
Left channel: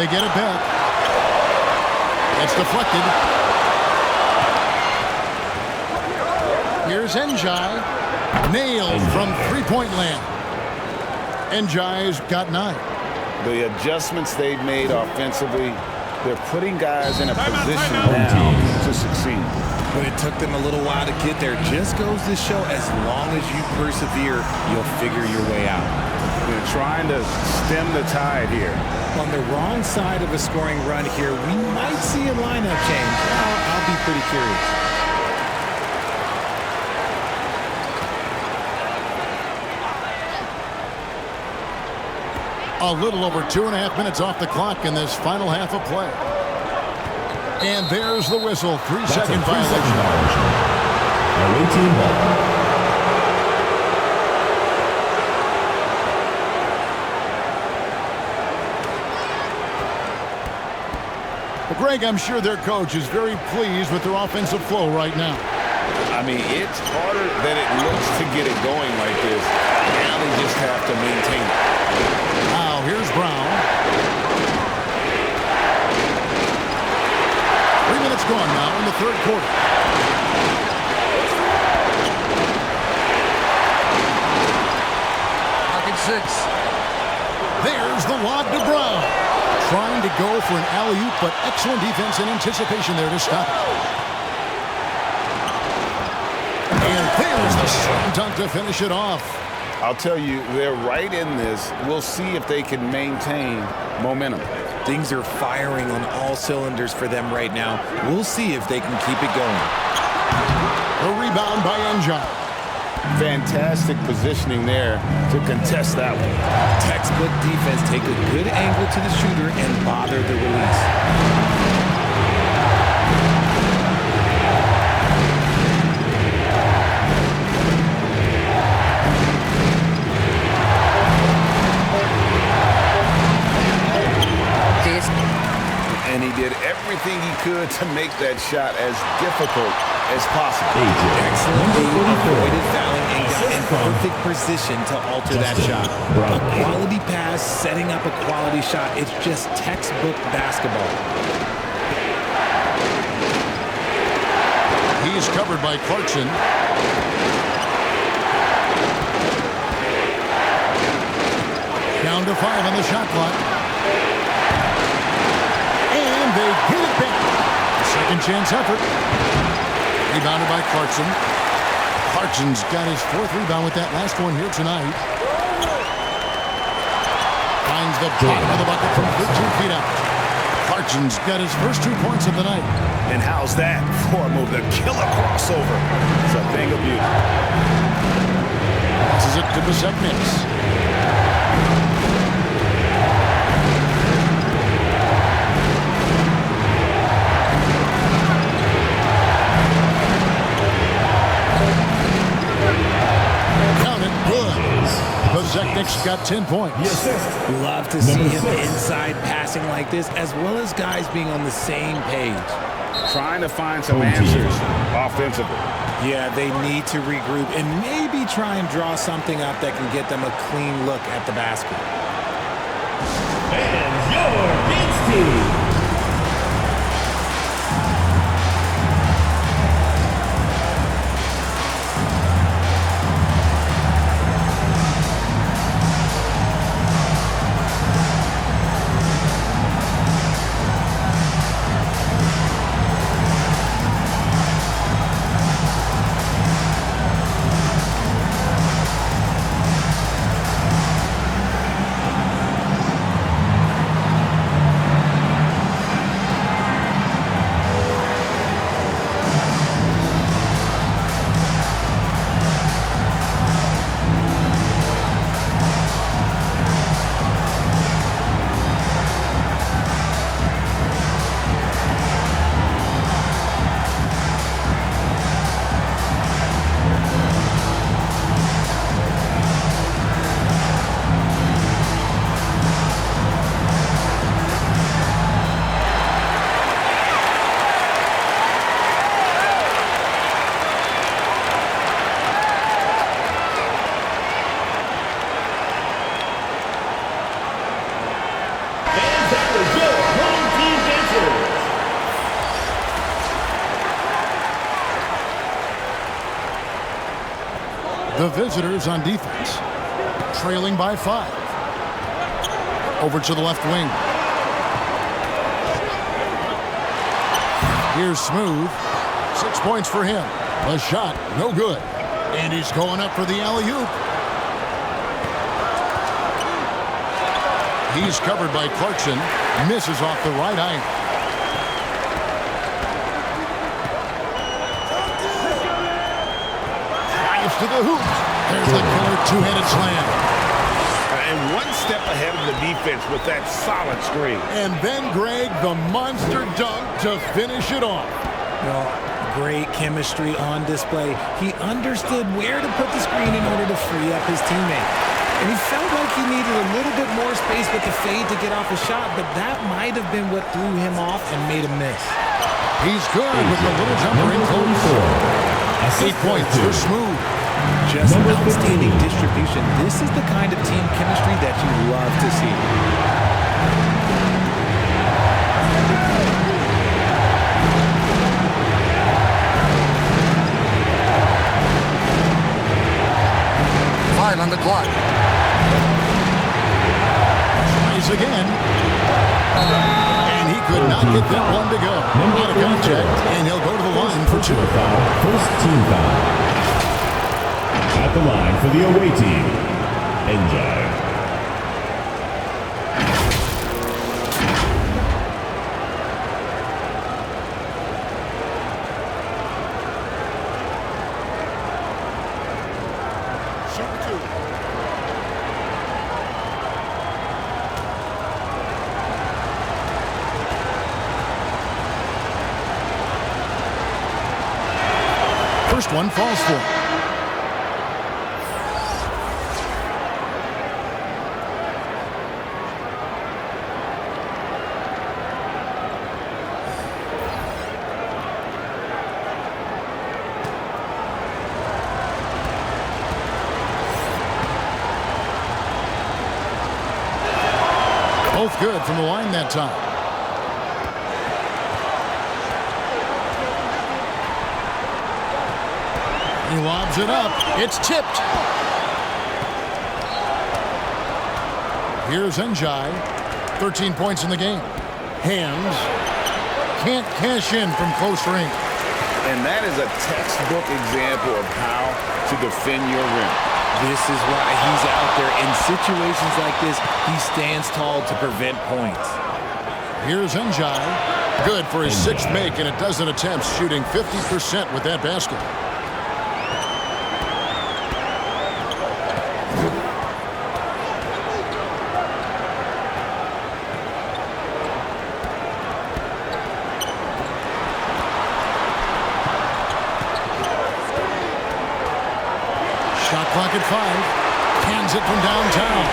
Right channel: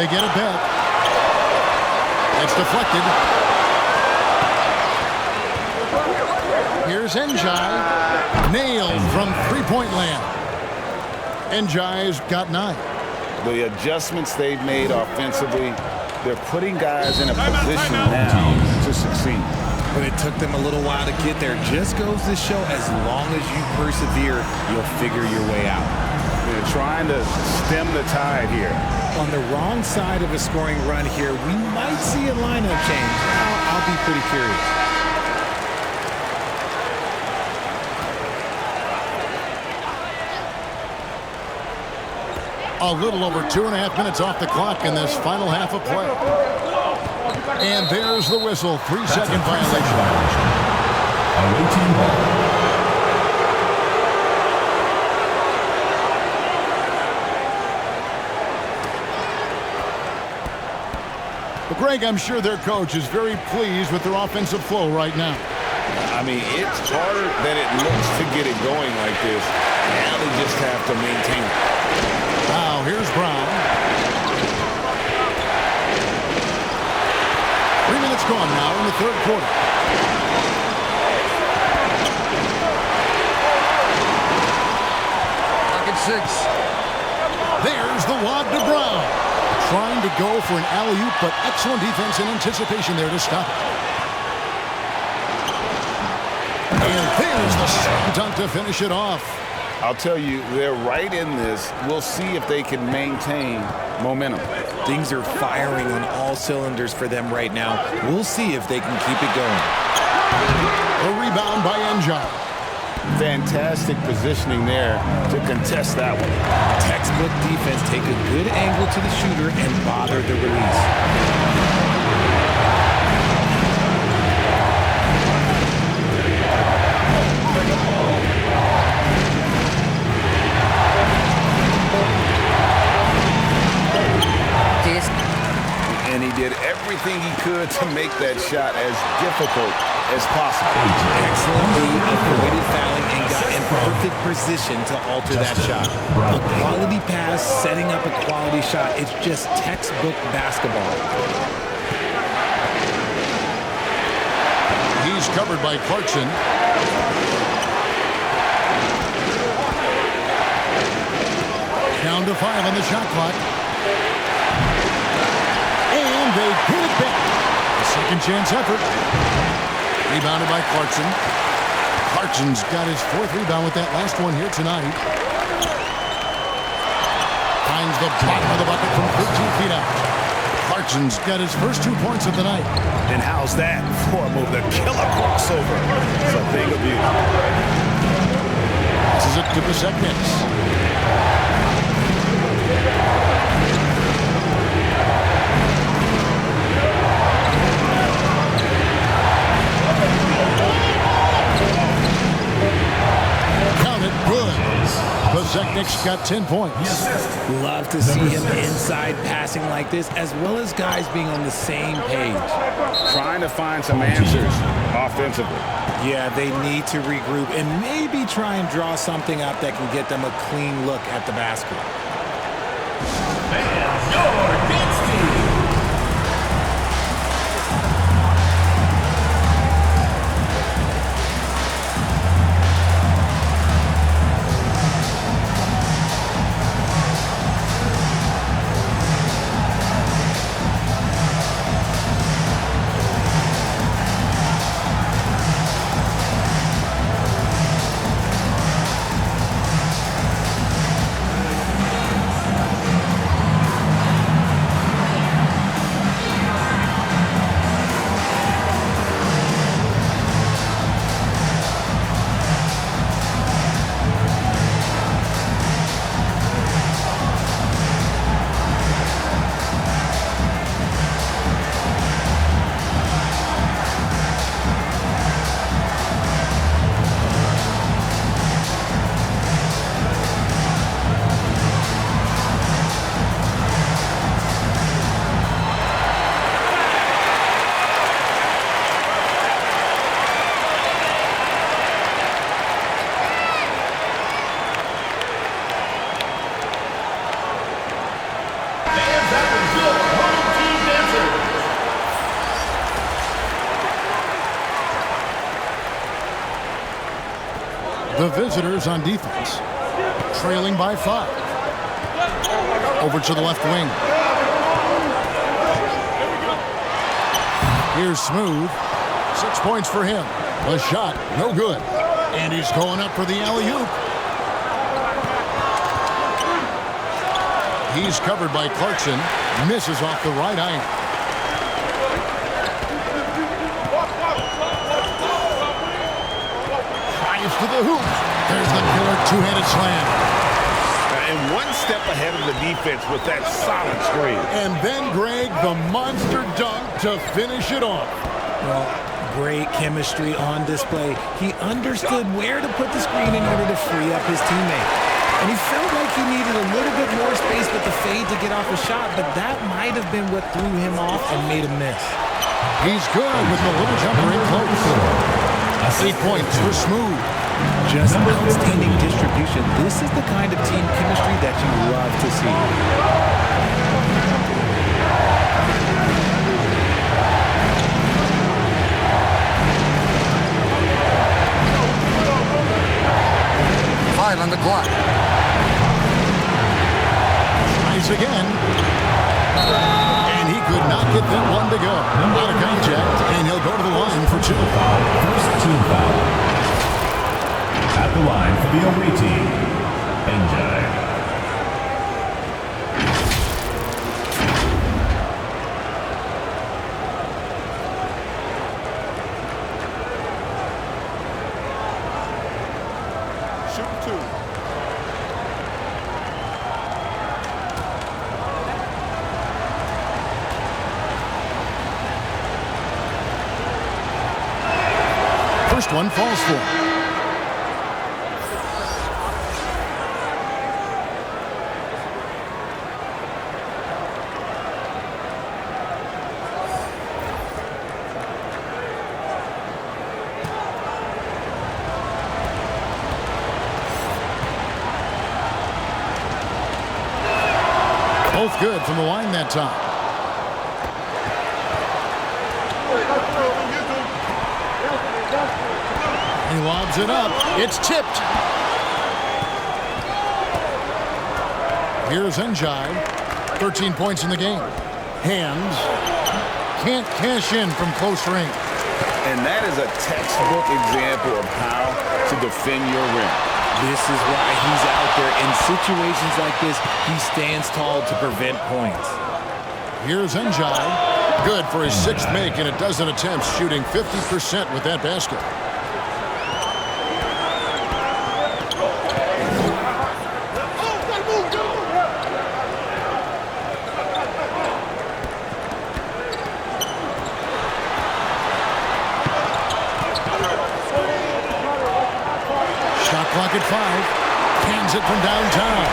They get it back. It's deflected. Here's Enja. Nailed from three-point land. Enja's got 9. The adjustments they've made offensively, they're putting guys in a position now to succeed. But it took them a little while to get there. Just goes to show, as long as you persevere, you'll figure your way out. They're trying to stem the tide here. On the wrong side of a scoring run here, we might see a lineup change. I'll be pretty curious. A little over 2.5 minutes off the clock in this final half of play. And there's the whistle. 3-second violation. Away team ball. Well, Greg, I'm sure their coach is very pleased with their offensive flow right now. I mean, it's harder than it looks to get it going like this. Now they just have to maintain it. Now, here's Brown. 3 minutes gone now in the third quarter. Pocket 6. There's the lob to Brown. Trying to go for an alley-oop, but excellent defense and anticipation there to stop it. And there's the slam dunk to finish it off. I'll tell you, they're right in this. We'll see if they can maintain momentum. Things are firing on all cylinders for them right now. We'll see if they can keep it going. A rebound by Enja. Fantastic positioning there to contest that one. Textbook defense. Take a good angle to the shooter and bother the release. And he did everything he could to make that shot as difficult as possible. Excellent. He avoided fouling and got in perfect position to alter that shot. A quality pass, setting up a quality shot. It's just textbook basketball. He's covered by Clarkson. Down to 5 on the shot clock. And they get it back. A second chance effort. Rebounded by Clarkson. Clarkson's got his 4th rebound with that last one here tonight. Finds the bottom of the bucket from 13 feet out. Clarkson's got his first 2 points of the night. And how's that for a move? The killer crossover. It's a thing of beauty. Passes it to Besekniks. Good. Besekniks got 10 points. Love to see him inside passing like this, as well as guys being on the same page. Trying to find some answers offensively. Yeah, they need to regroup and maybe try and draw something up that can get them a clean look at the basket. And your dance team. The visitors on defense, trailing by 5. Over to the left wing. Here's Smooth. 6 points for him. The shot, no good. And he's going up for the alley-oop. He's covered by Clarkson. Misses off the right iron. Drives to the hoop. There's the killer two-handed slam. And one step ahead of the defense with that solid screen. And then, Greg, the monster dunk to finish it off. Well, great chemistry on display. He understood where to put the screen in order to free up his teammate. And he felt like he needed a little bit more space with the fade to get off a shot, but that might have been what threw him off and made him miss. He's good with the little jumper in close. 8 points for Smooth. Just outstanding distribution. This is the kind of team chemistry that you love to see. Five on the clock. Tries again. And he could not get that one to go. Out of contact, and he'll go to the line for 2. First team foul. At the line for the away team, Enjoy. Shoot 2. First one falls for him. Both good from the line that time. He lobs it up. It's tipped. Here's Njai. 13 points in the game. Hands. Can't cash in from close range. And that is a textbook example of how to defend your rim. This is why he's out there. In situations like this, he stands tall to prevent points. Here's Njai. Good for his sixth make in a dozen attempts, shooting 50% with that basket. Shot clock at 5. Cans it from downtown.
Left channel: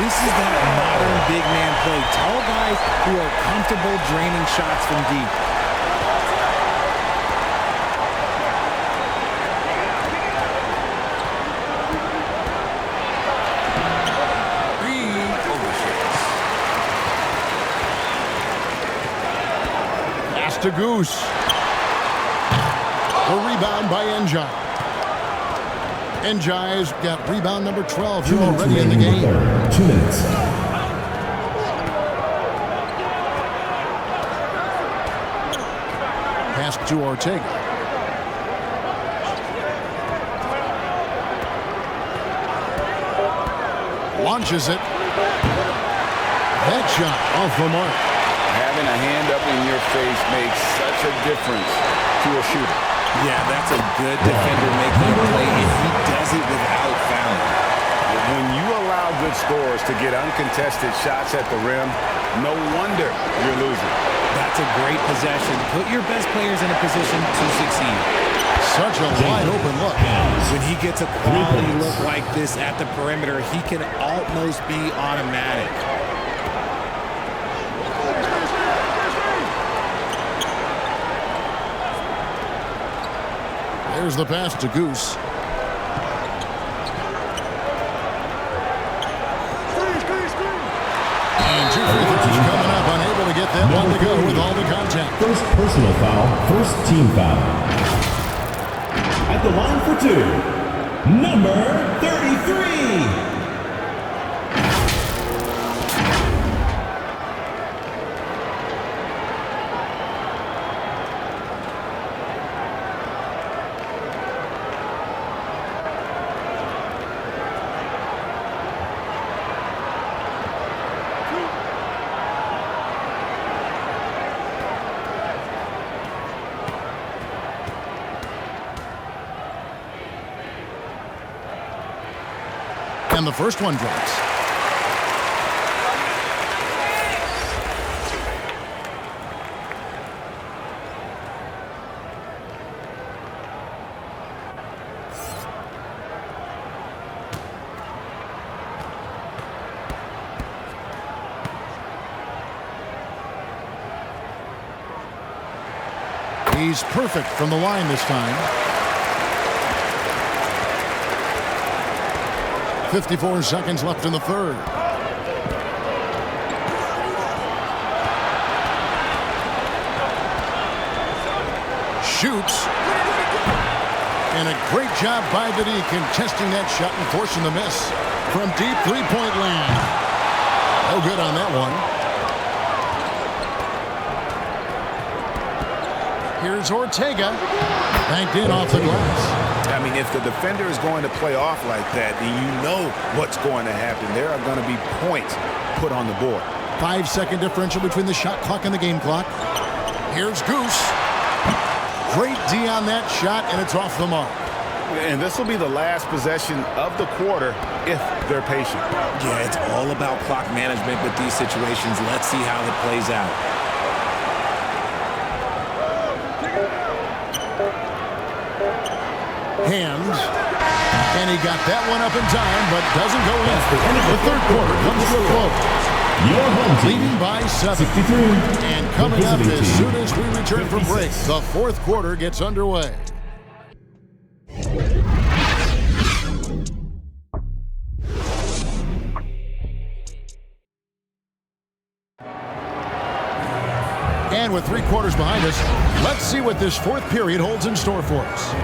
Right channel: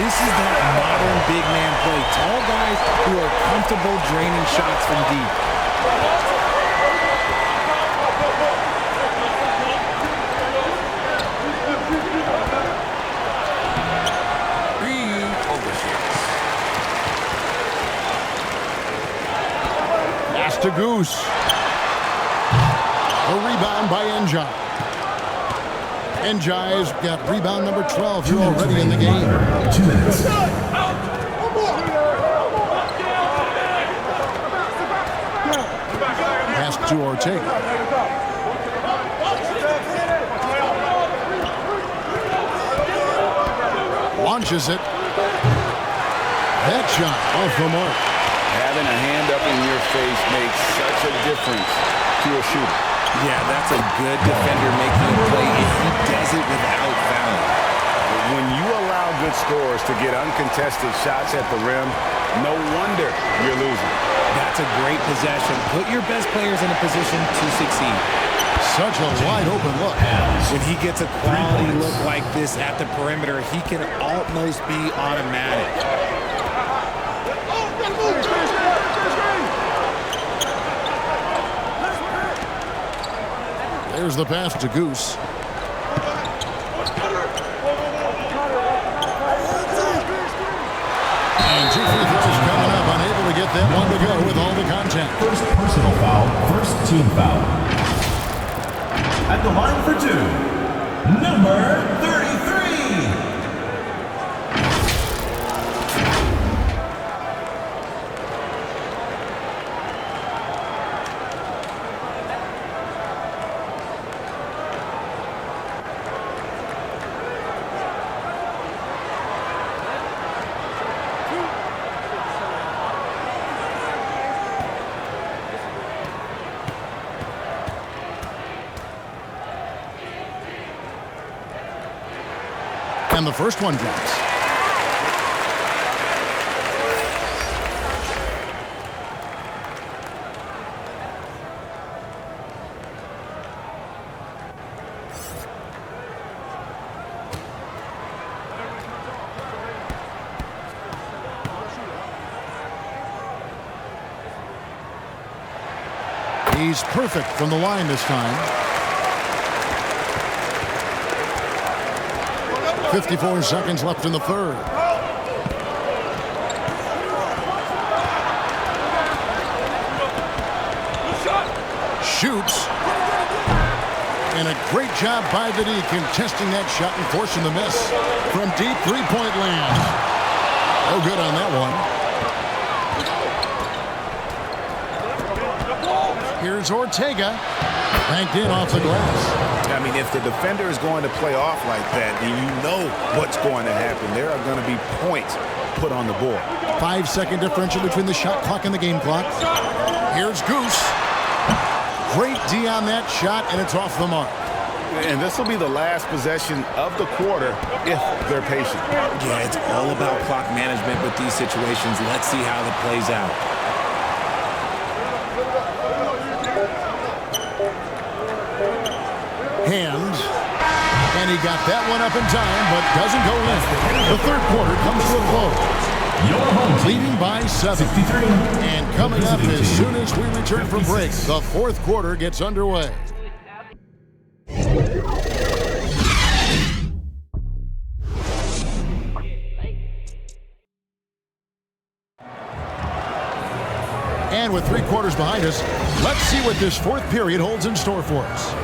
This is that modern big man play. Tall guys who are comfortable draining shots from deep. Pass to Goose. The rebound by Njai. Njai's got rebound number 12 here already in the game. 2 minutes. Pass to Ortega. Launches it. That shot off the mark. Having a hand up in your face makes such a difference to a shooter. Yeah, that's a good defender making a play, and he does it without fouling. When you allow good scorers to get uncontested shots at the rim, no wonder you're losing. That's a great possession. Put your best players in a position to succeed. Such a wide open look. When he gets a quality look like this at the perimeter, he can almost be automatic. There's the pass to Goose. And 2 free throws coming up. Unable to get that one to go with all the contact. First personal foul, first team foul. At the line for 2, number 33. And the first one drops. He's perfect from the line this time. 54 seconds left in the third. Shoots. And a great job by the D contesting that shot and forcing the miss. From deep three-point land. No good on that one. Here's Ortega. Banked in off the glass. I mean, if the defender is going to play off like that, then you know what's going to happen. There are going to be points put on the board. 5-second differential between the shot clock and the game clock. Here's Goose. Great D on that shot, and it's off the mark. And this will be the last possession of the quarter if they're patient. Yeah, it's all about clock management with these situations. Let's see how that plays out. Hands. And he got that one up in time, but doesn't go in. The third quarter comes to a close. Your home team leading by 7. 63. And coming up as soon as we return from break, the fourth quarter gets underway. And with 3 quarters behind us, let's see what this fourth period holds in store for us.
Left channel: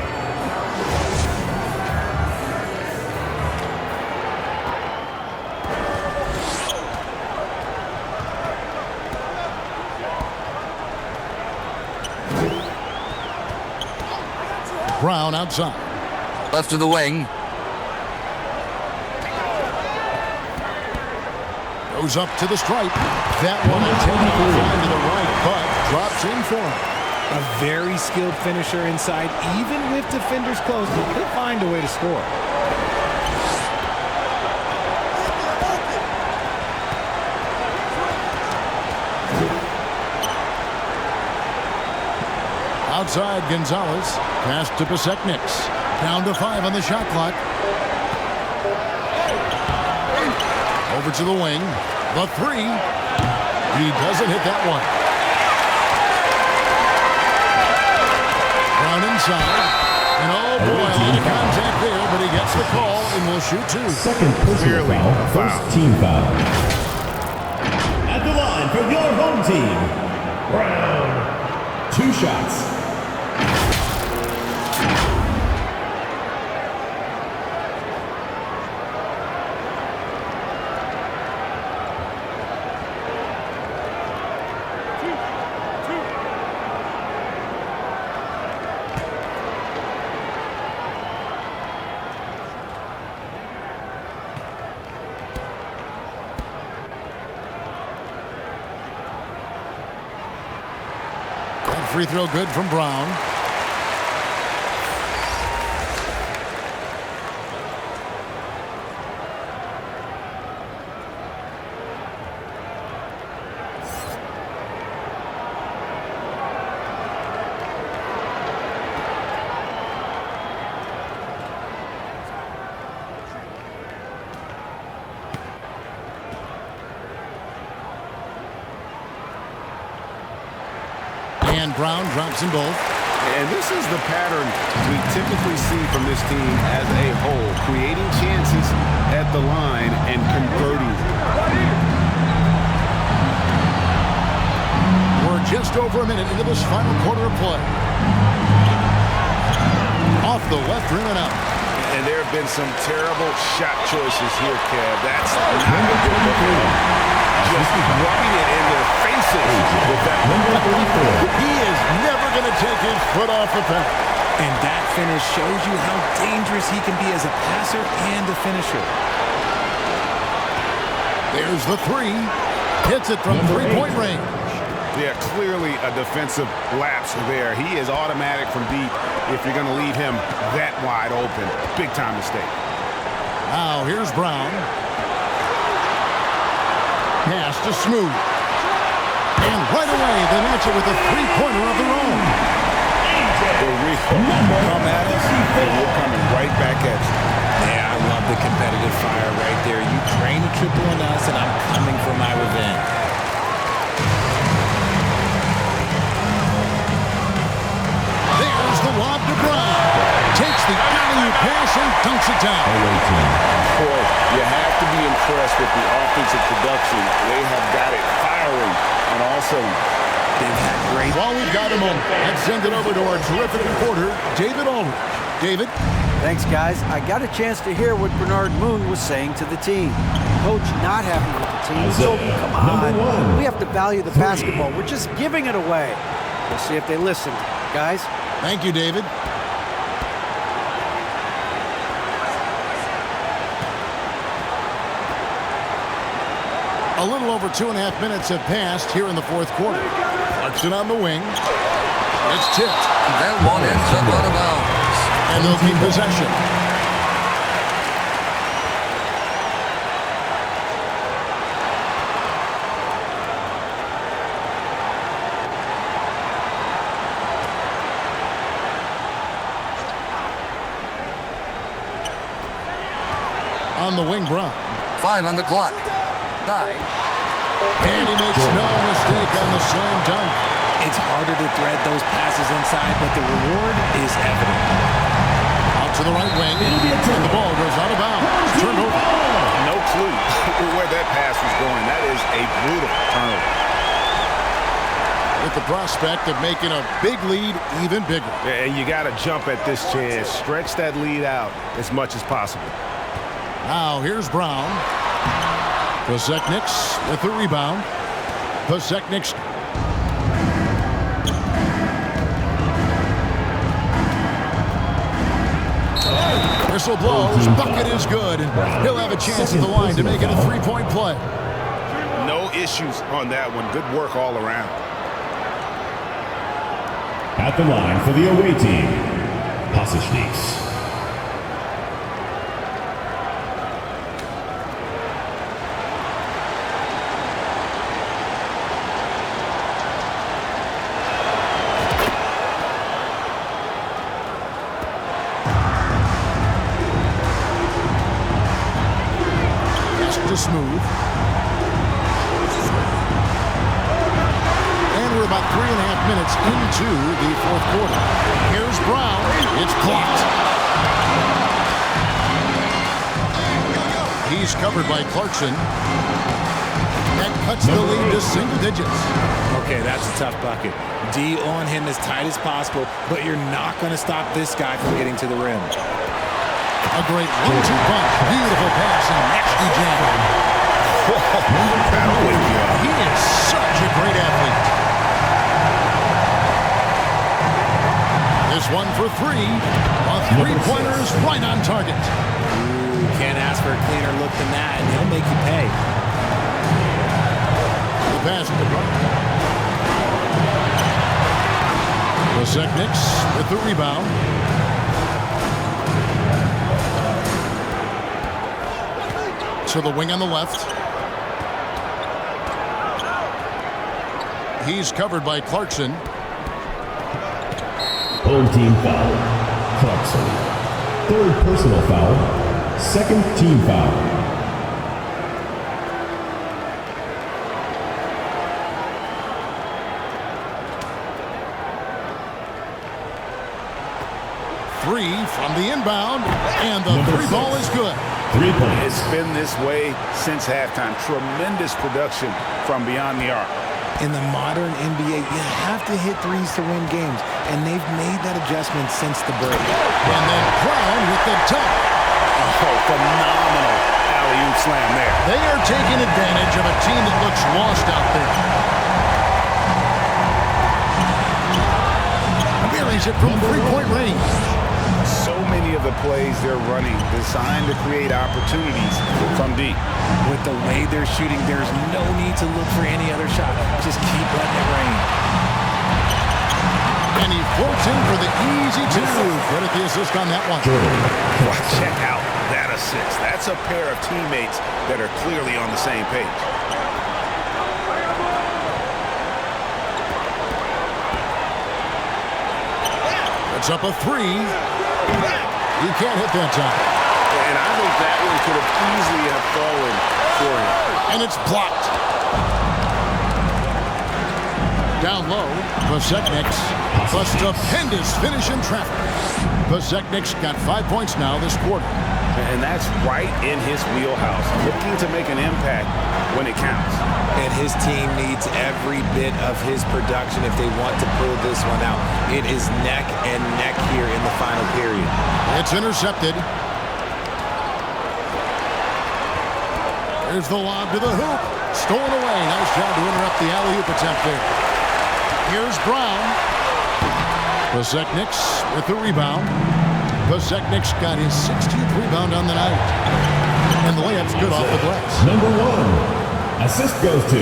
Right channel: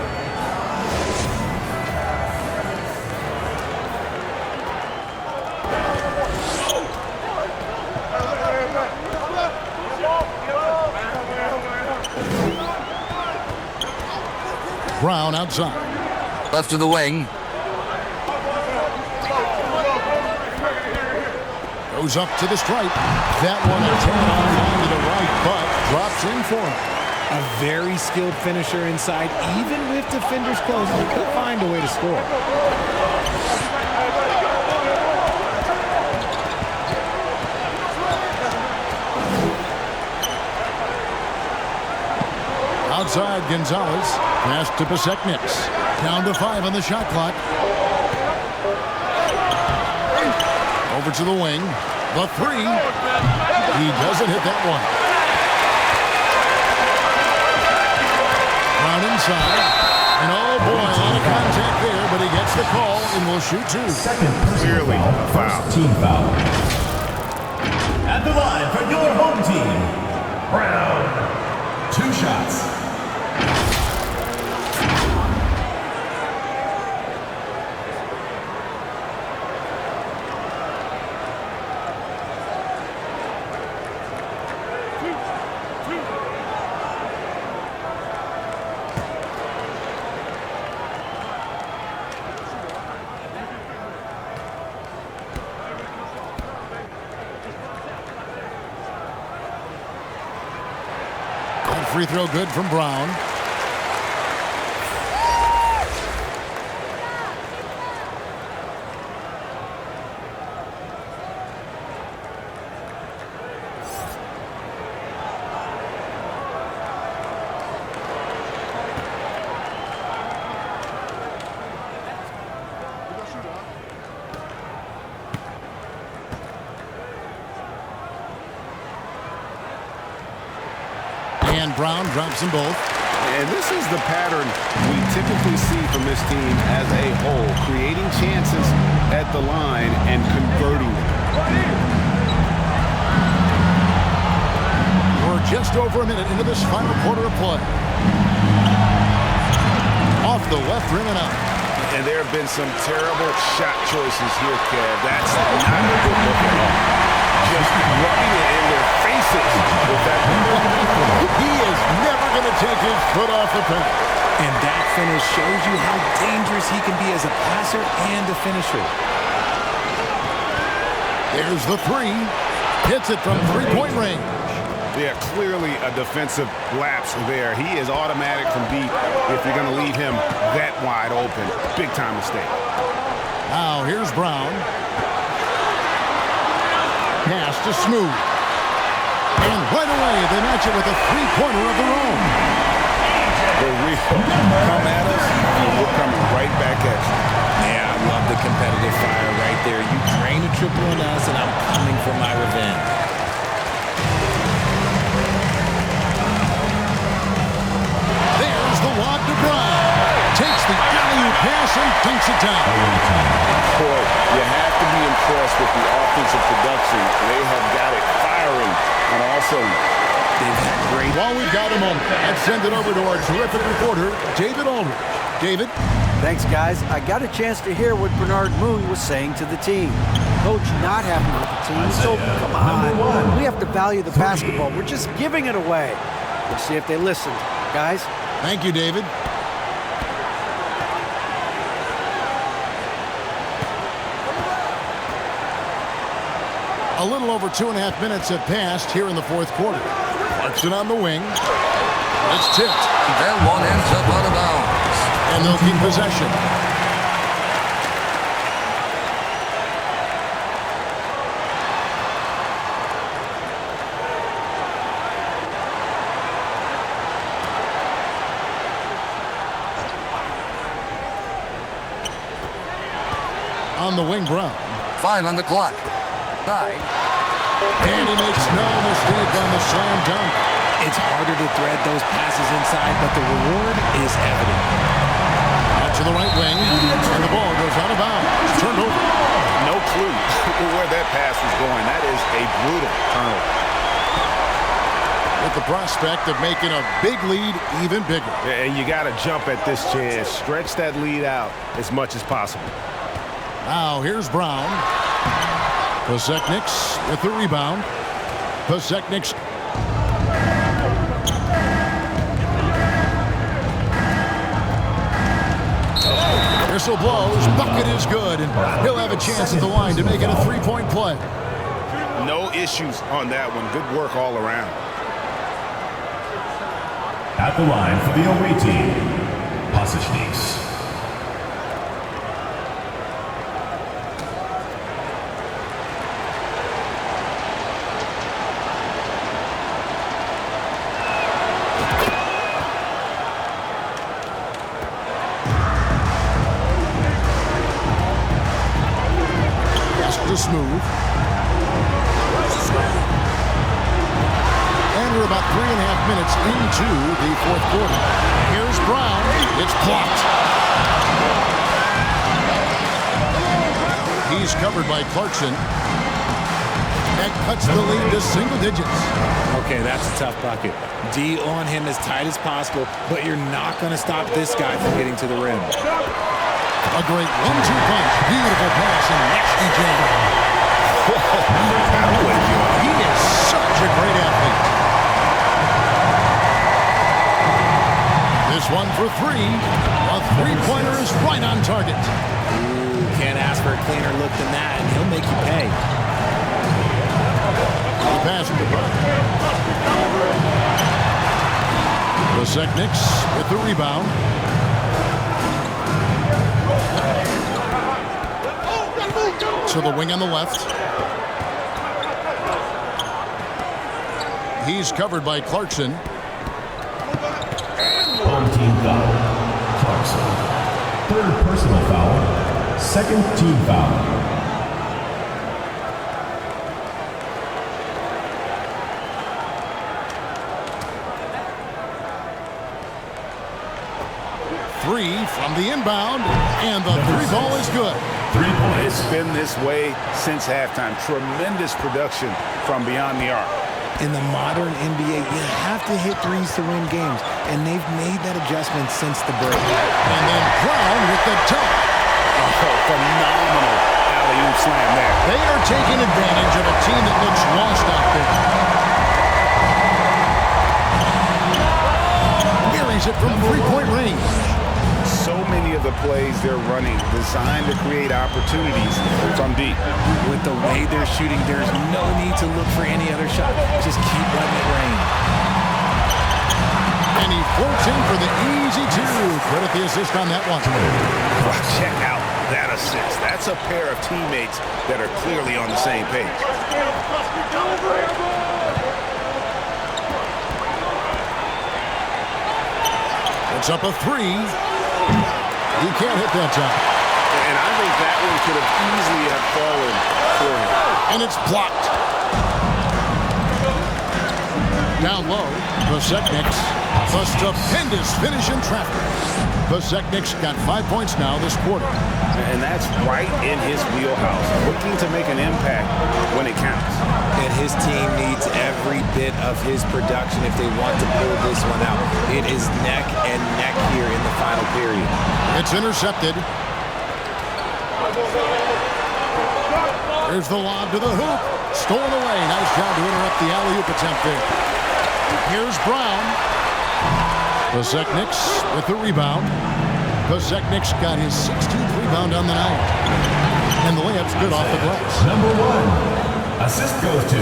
Brown outside. Left of the wing. Goes up to the stripe. That one attempted offline to the right, but drops in for him. A very skilled finisher inside. Even with defenders close, he'll find a way to score. Outside Gonzalez. Pass to Pasekniks. Down to 5 on the shot clock. Over to the wing. The 3. He doesn't hit that one. Brown inside. And oh boy, a lot of contact there, but he gets the call and will shoot 2. Second personal Clearly foul. a foul. First team foul. At the line for your home team, Brown. 2 shots. Free throw good from Brown. And Brown drops them both. And this is the pattern we typically see from this team as a whole, creating chances at the line and converting them. We're just over a minute into this final quarter of play. Off the left rim and out. And there have been some terrible shot choices here, Kev. That's not a good look at all. Just rubbing it in their faces with that number 34. He is never going to take his foot off the pedal. And that finish shows you how dangerous he can be as a passer and a finisher. There's the 3. Hits it from 3-point range. Yeah, clearly a defensive lapse there. He is automatic from deep if you're going to leave him that wide open. Big time mistake. Now here's Brown. Pass to Smooth. And right away, they match it with a 3-pointer of their own. The real come at us, and we're coming right back at you. Yeah, I love the competitive fire right there. You drain a triple on us, and I'm coming for my revenge. There's the lob to Brown. Takes the alley-oop pass and dunks it down. Boy, you have to be impressed with the offensive production. They have got it firing on all cylinders. They've had great... While we've got a moment, let's send it over to our terrific reporter, David Aldridge. David? Thanks, guys. I got a chance to hear what Bernard Moon was saying to the team. Coach not happy with the team. He told them, come on, we have to value the basketball. We're just giving it away. We'll see if they listened. Guys? Thank you, David. A little over 2.5 minutes have passed here in the fourth quarter. Clarkson on the wing. It's tipped. That one ends up out of bounds. And they'll keep possession. On the wing, Brown. 5 on the clock. 9. And he makes no mistake on the slam dunk. It's harder to thread those passes inside, but the reward is evident. Out to the right wing, and the ball goes out of bounds. Turned over. No clue where that pass was going. That is a brutal turnover. With the prospect of making a big lead even bigger. And you got to jump at this chance. Stretch that lead out as much as possible. Now here's Brown. Posekniks with the rebound. Posekniks. Whistle blows. Bucket is good. And he'll have a chance at the line to make it a three-point play. No issues on that one. Good work all around. At the line for the away team, Posekniks. Smooth. And we're about 3.5 minutes into the fourth quarter. Here's Brown. It's blocked. He's covered by Clarkson. That cuts the lead to single digits. Okay, that's a tough bucket. D on him as tight as possible, but you're not going to stop this guy from getting to the rim. A great 1-2 punch. Beautiful pass and nasty jam. Whoa, that'll wake you up. He is such a great athlete. This one for 3. A three-pointer is right on target. Ooh, can't ask for a cleaner look than that, and he'll make you pay. The pass to Brown. Posekniks with the rebound. To the wing on the left. He's covered by Clarkson. Home team foul. Clarkson. Third personal foul. Second team foul. Three from the inbound, and the three ball is good. 3 points. It's been this way since halftime. Tremendous production from beyond the arc. In the modern NBA, you have to hit threes to win games, and they've made that adjustment since the break. And then Brown with the dunk. Oh, phenomenal alley-oop slam there. They are taking advantage of a team that looks lost out there. Buries it from three-point range. So many of the plays they're running designed to create opportunities from deep. With the way they're shooting, there's no need to look for any other shot. Just keep letting it rain. And he floats in for the easy 2. Credit the assist on that one. Wow, check out that assist. That's a pair of teammates that are clearly on the same page. It's up a 3. He can't hit that time. And I think that one could have easily have fallen for him. And it's blocked. Down low, Posekniks. A stupendous finish in traffic. Posekniks got 5 points now this quarter. And that's right in his wheelhouse. Looking to make an impact when it counts. And his team needs every bit of his production if they want to pull this one out. It is neck and neck here in the final period. It's intercepted. There's the lob to the hoop. Stolen away. Nice job to interrupt the alley-oop attempt there. Here's Brown. Posekniks with the rebound. Posekniks got his 16th rebound on the night. And the layup's good off the glass. Number 1, Assist goes to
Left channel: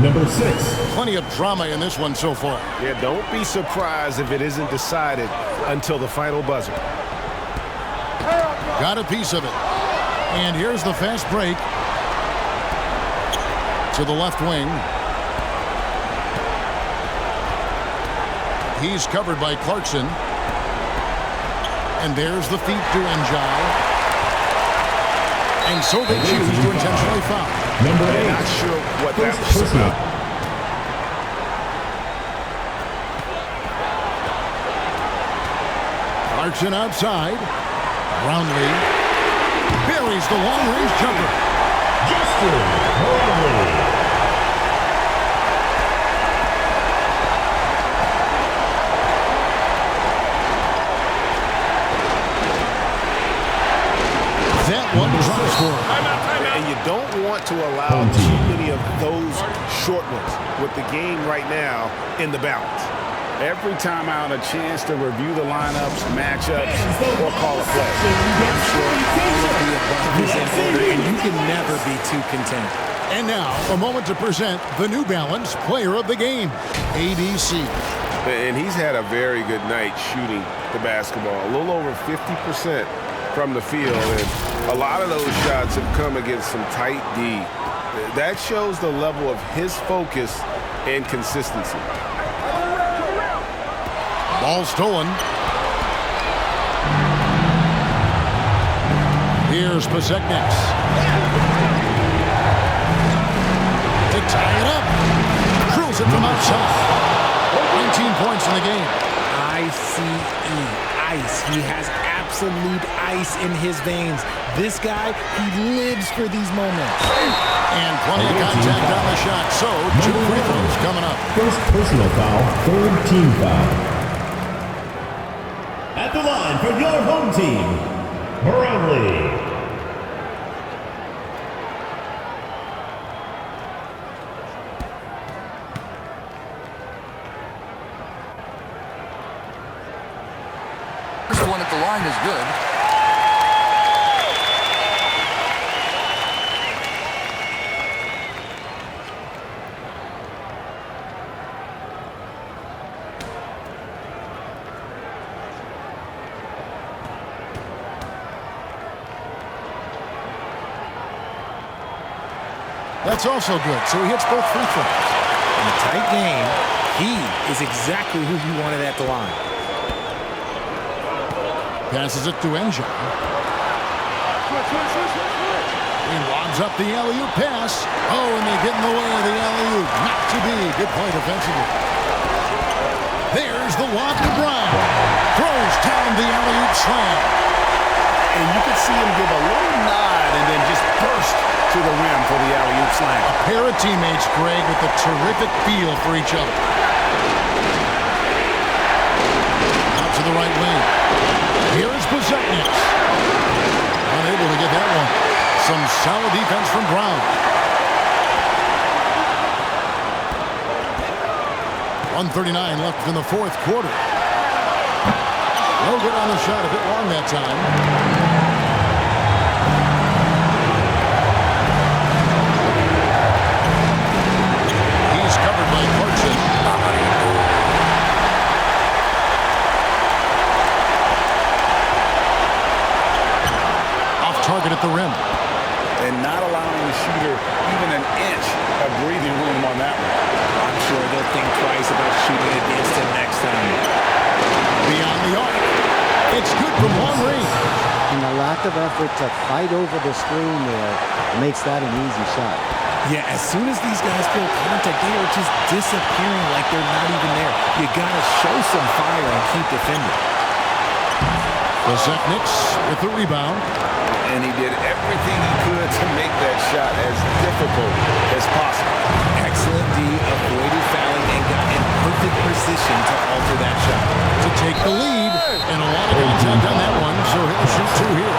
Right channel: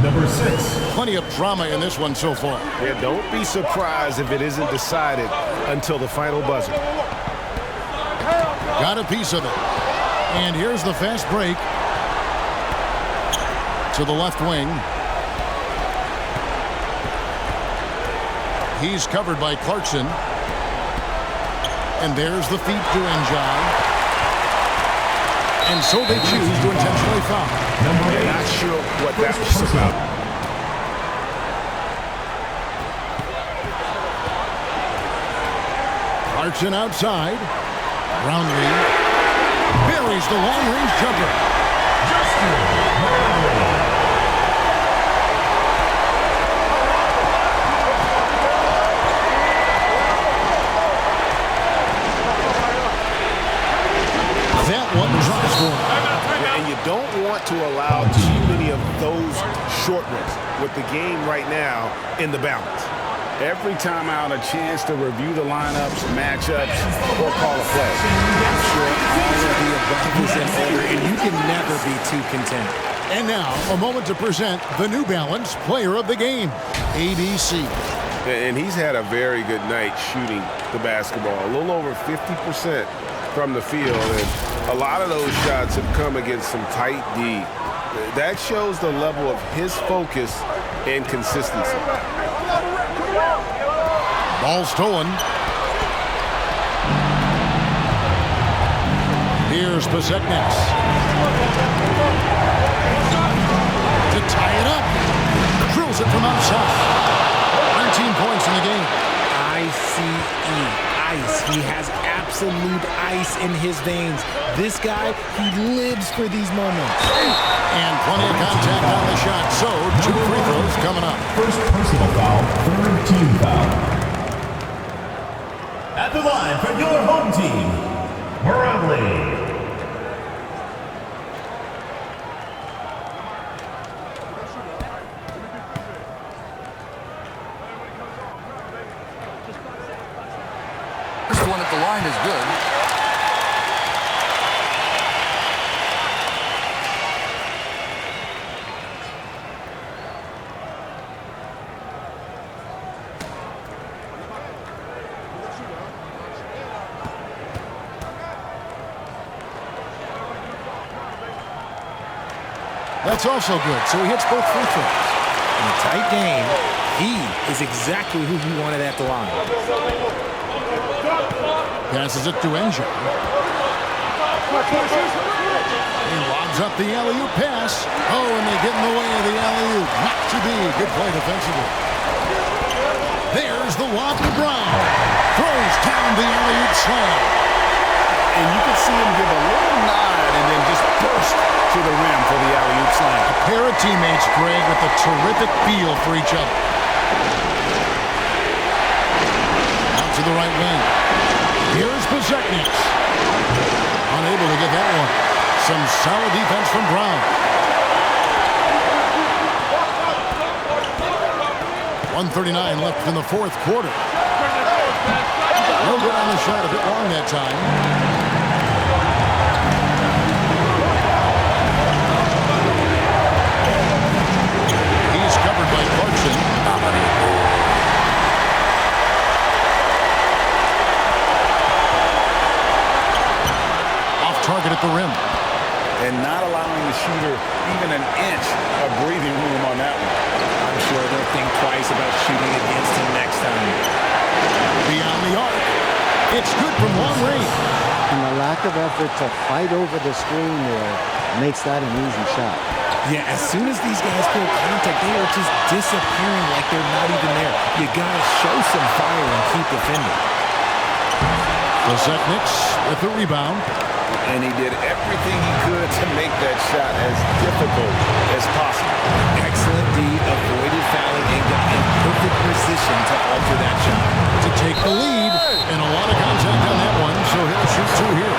number 6. Plenty of drama in this one so far. Yeah, don't be surprised if it isn't decided until the final buzzer. Got a piece of it. And here's the fast break. To the left wing. He's covered by Clarkson. And there's the feet to Njai. And so they choose to intentionally foul. Number 8. Not sure what that was about. Clarkson outside. Brownlee buries the long-range jumper. Justin Brownlee. That one drops for him. And you don't want to allow too many of those short ones with the game right now in the balance. Every timeout, a chance to review the lineups, matchups, or call a play. I'm sure all of the above is in order, and you can never be too content. And now, a moment to present the New Balance Player of the Game, ABC. And he's had a very good night shooting the basketball. A little over 50% from the field, and a lot of those shots have come against some tight D. That shows the level of his focus and consistency. Ball stolen. Here's Pasecniks. To tie it up. Drills it from outside. 19 points in the game. Ice. He has absolute ice in his veins. This guy, he lives for these moments. And plenty of contact on the shot. So, 2 free throws coming up. First personal foul, third team foul. At the line for your home team, Brownlee. First one at the line is good. That's also good. So he hits both free throws. In a tight game, he is exactly who you wanted at the line. Passes it to Njai. He lobs up the alley-oop pass. Oh, and they get in the way of the alley-oop. Not to be. Good play defensively. There's the lob to Brown. Throws down the alley-oop slam. And you can see him give a little nod and then just burst to the rim for the alley-oop slam. A pair of teammates, Greg, with a terrific feel for each other. Out to the right wing. Here's Pasecniks. Unable to get that one. Some solid defense from Brown. 1:39 left in the fourth quarter. No good on the shot, a bit long that time. He's covered by Clarkson. Off target at the rim. And not allowing the shooter even an inch of breathing room on that one. I'm sure they'll think twice about shooting against him next time. Beyond the arc. It's good from long range. And the lack of effort to fight over the screen there makes that an easy shot. Yeah, as soon as these guys feel contact, they are just disappearing like they're not even there. You got to show some fire and keep defending. Pasecniks with the rebound. And he did everything he could to make that shot as difficult as possible. Excellent D, avoided fouling, and got in perfect position to alter that shot. To take the lead, and a lot of contact on that one, so he'll shoot 2 here.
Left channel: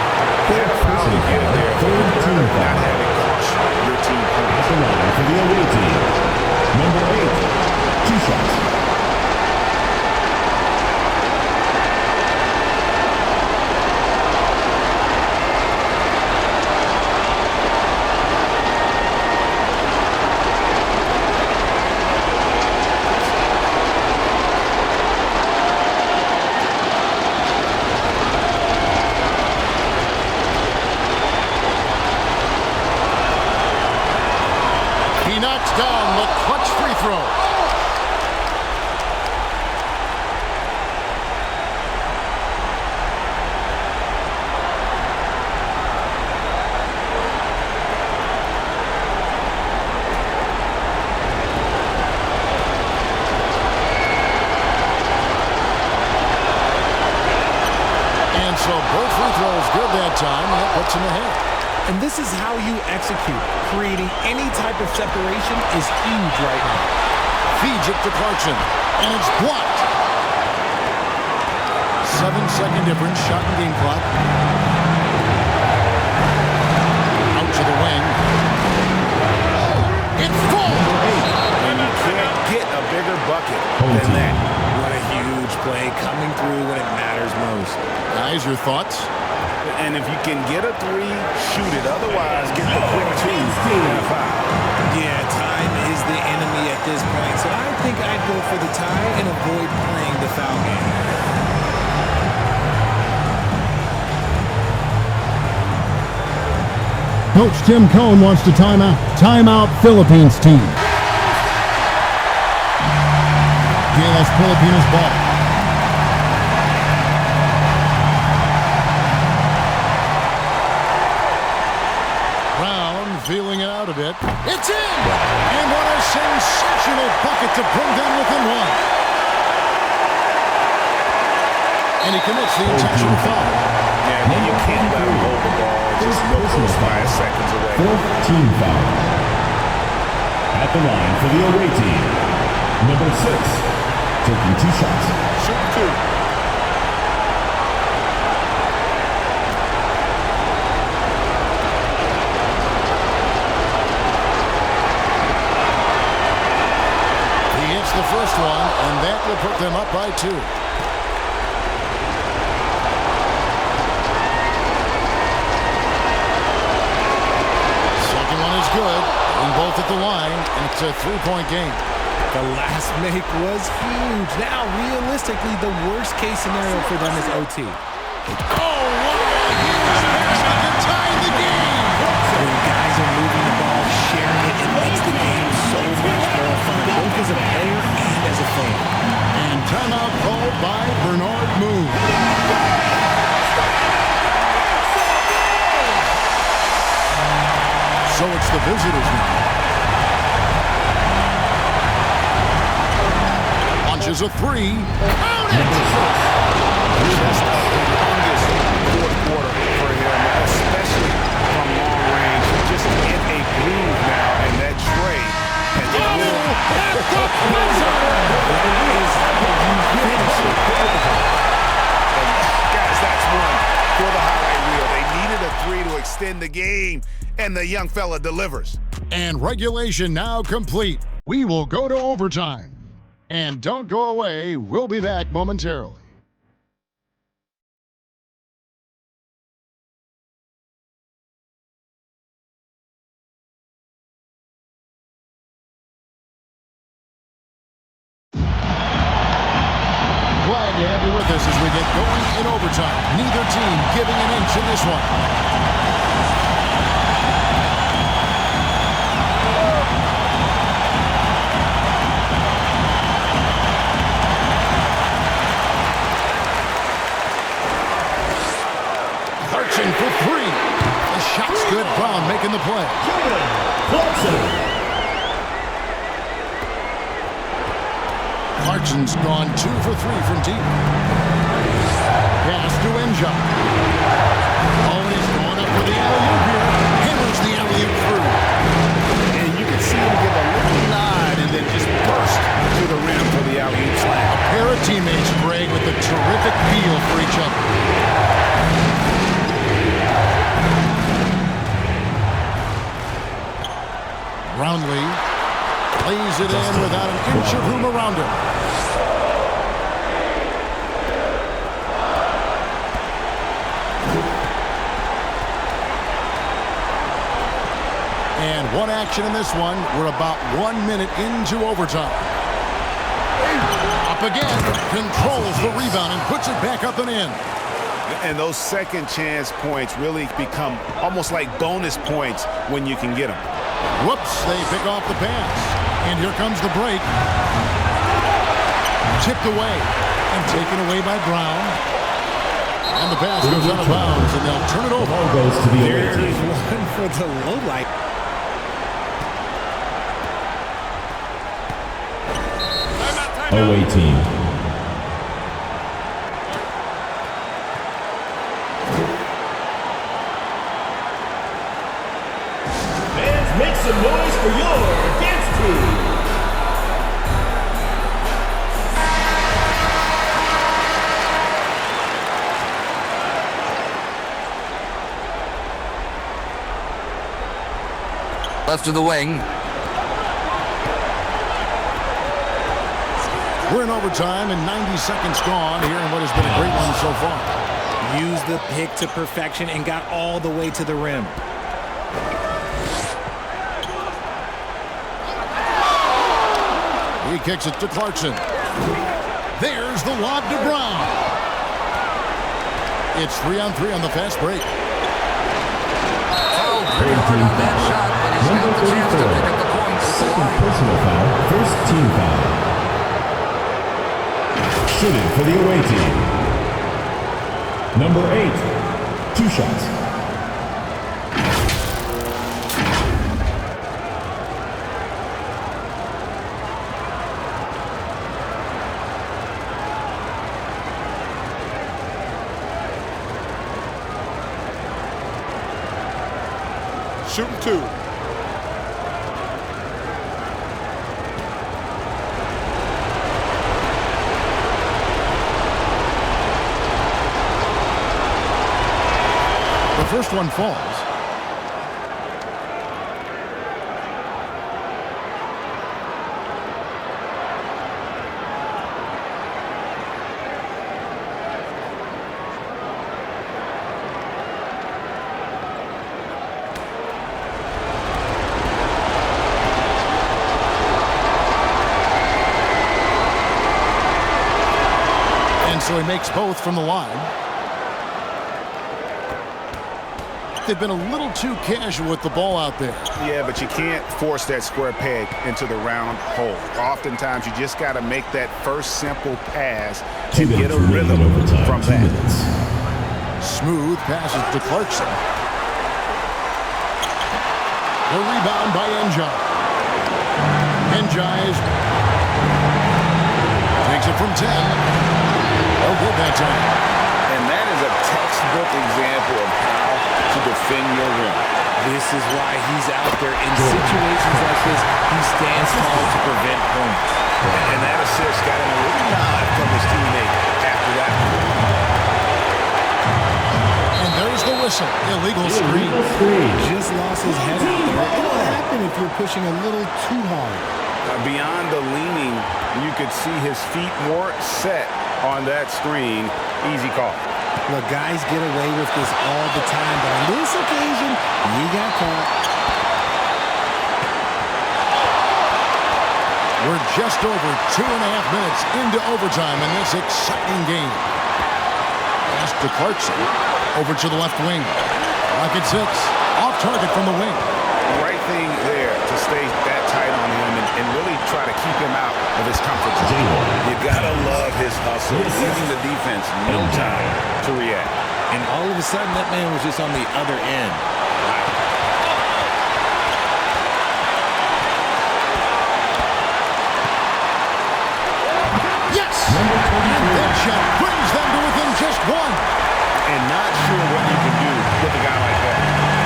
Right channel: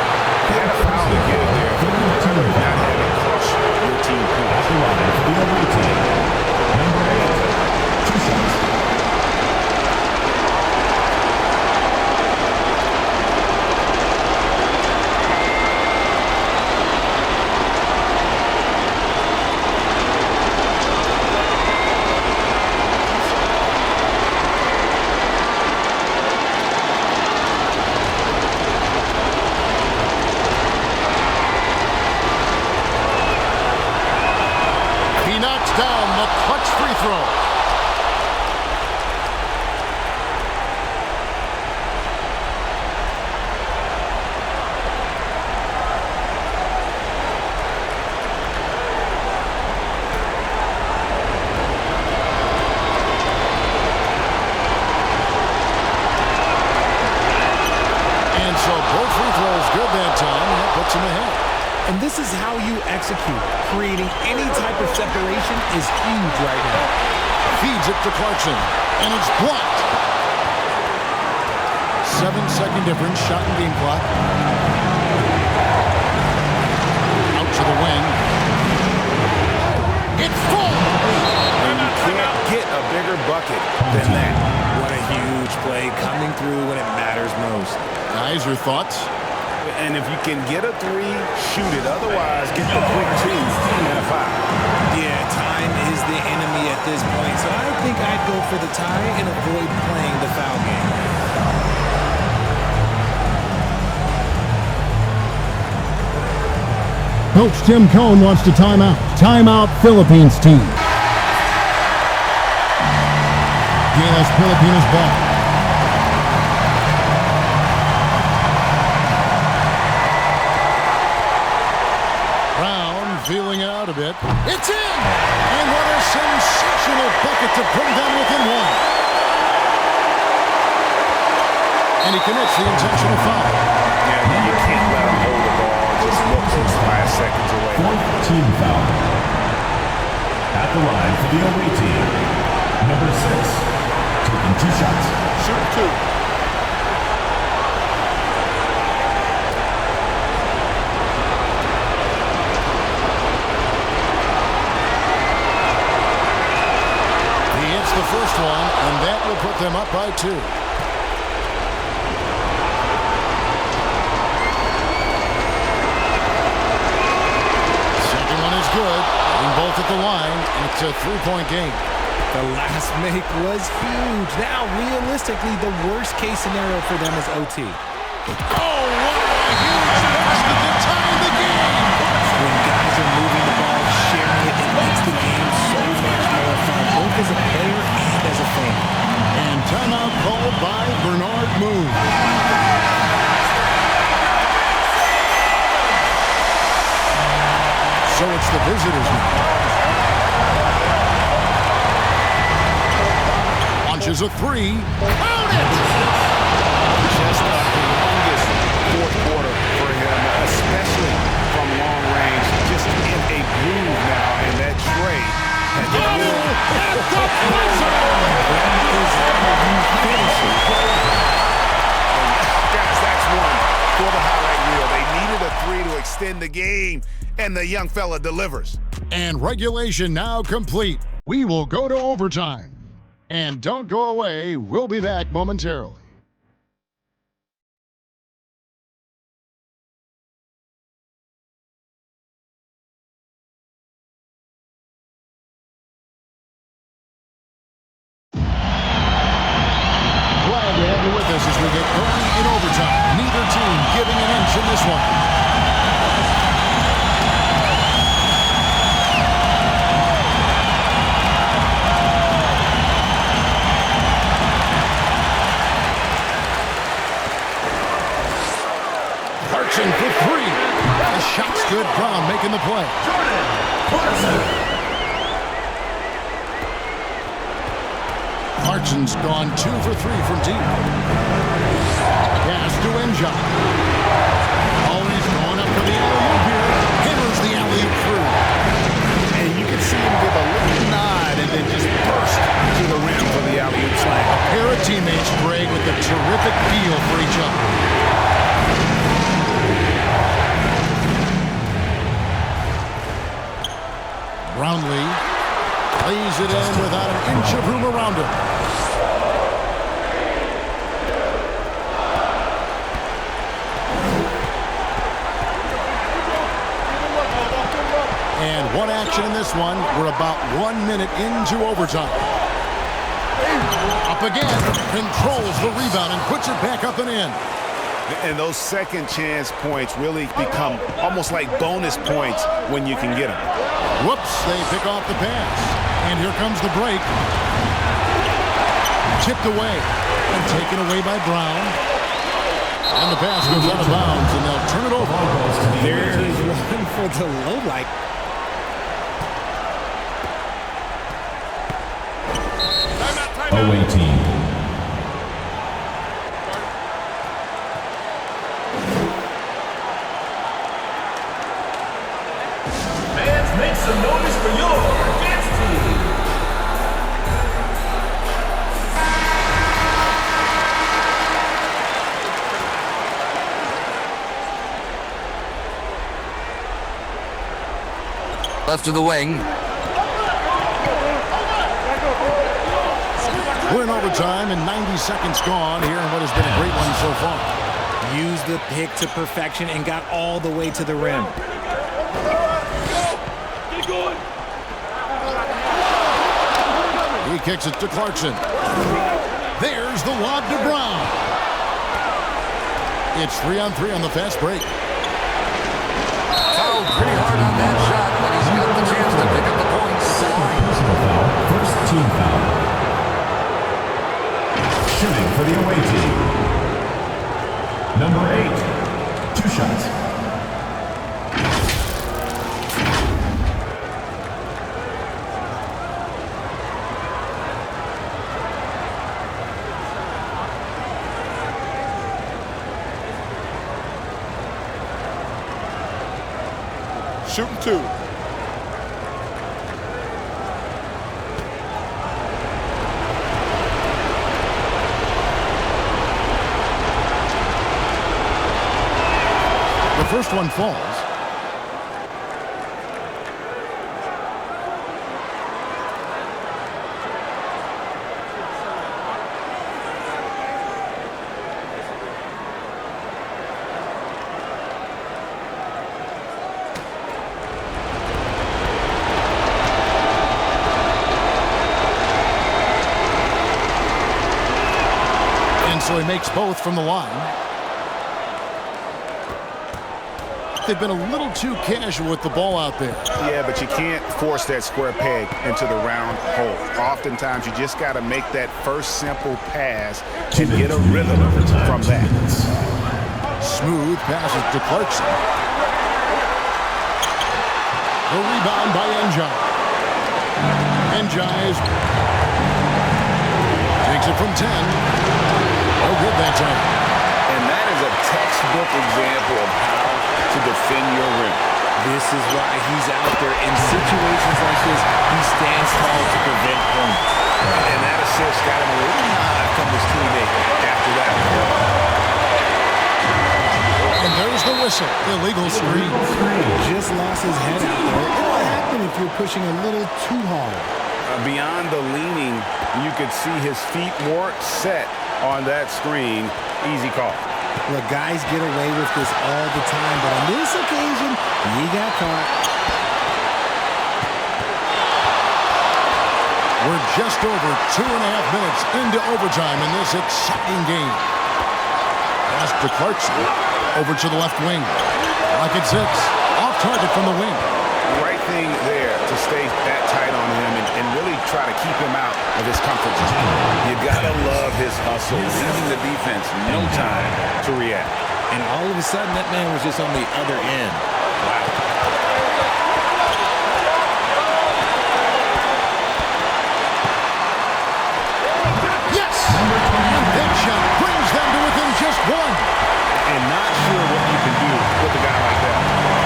He had a foul to give there, but you'd rather not have it cost your team points. At the line for the away team, number 8, 2 shots. knocks down the clutch free throw. And so both free throws good that time, and that puts him ahead. And this is how you execute. Creating any type of separation is huge right now. Feeds it to Clarkson, and it's blocked. 7-second difference, shot and game clock. Out to the wing. It's full! And you can't get a bigger bucket than that. What a huge play coming through when it matters most. Guys, your thoughts? And if you can get a 3, shoot it. Otherwise, get the quick 2 and a foul. Yeah, time is the enemy at this point, so I think I'd go for the tie and avoid playing the foul game. Coach Tim Cohn wants to timeout. Timeout, Philippines team. GILAS Pilipinas ball. Brown feeling it out a bit. It's in! And what a sensational bucket to bring them within one. And he commits the intentional foul. Yeah, you can't let him hold the ball and just milk those 5 seconds away. 4th team foul. At the line for the away team, number 6, taking 2 shots. Shoot 2. He hits the first one, and that will put them up by 2. Second one is good. Hitting both at the line, and it's a 3-point game. The last make was huge. Now, realistically, the worst-case scenario for them is OT. Oh, wow, a huge basket to tie the game. When guys are moving the ball, sharing it, it makes the game so much more fun, both as a player and as a fan. And timeout called by Bernard Moon. So it's the visitors now. Launches a 3. Count it! Just a humongous 4th quarter for him, especially from long range. Just in a groove now, and that tray. At the buzzer! That is how you finish it. And guys, that's one for the highlight reel. They needed a 3 to extend the game, and the young fella delivers. And regulation now complete. We will go to overtime. And don't go away. We'll be back momentarily. Glad to have you with us as we get going in overtime. Neither team giving an inch in this one. Clarkson for 3. The shot's good. Brown making the play. Clarkson's gone 2 for 3 from deep. Pass to Enja. Always going up for the alley-oop here. Hammers the alley-oop through. And you can see him give a little nod and then just burst to the rim for the alley-oop slam. A pair of teammates, Greg, with a terrific feel for each other. Brownlee lays it in without an inch of room around him. And one action in this one. We're about 1 minute into overtime. Up again, controls the rebound and puts it back up and in. And those second chance points really become almost like bonus points when you can get them. Whoops, they pick off the pass. And here comes the break. Tipped away and taken away by Brown. And the pass goes out of bounds, and they'll turn it over. Goes to the There's one for the low light. away team. Fans, make some noise for your dance team. Left of the wing. We're in overtime and 90 seconds gone here in what has been a great one so far. Used the pick to perfection and got all the way to the rim. He kicks it to Clarkson. There's the lob to Brown. It's 3-on-3 on the fast break. Fouled pretty hard on that shot, but he's got the chance to pick up the points at the line. Personal foul, first team foul. Shooting for the away team. Number 8, 2 shots. Shooting 2. The first one falls. And so he makes both from the line. They've been a little too casual with the ball out there. Yeah, but you can't force that square peg into the round hole. Oftentimes, you just got to make that first simple pass and get a rhythm from that. Smooth passes to Clarkson. The rebound by Njai. Njai takes it from 10. Oh, good that time. And that is a textbook example of how to defend your rim. This is why he's out there in situations like this. He stands tall to prevent points. And that assist got him a little nod from his teammate after that. And there's the whistle. Illegal screen. Just lost his head out there. It'll happen if you're pushing a little too hard. Beyond the leaning, you could see his feet more set on that screen. Easy call. Look, guys get away with this all the time, but on this occasion, he got caught. We're just over 2.5 minutes into overtime in this exciting game. Pass to Clarkson. Over to the left wing. Lock at 6. Off target from the wing. Right thing there to stay that tight on him and really try to keep him out of his comfort zone. You gotta love his hustle, leaving the defense no time to react. And all of a sudden, that man was just on the other end. Wow. Yes! And that shot brings them to within just 1. And not sure what you can do with a guy like that.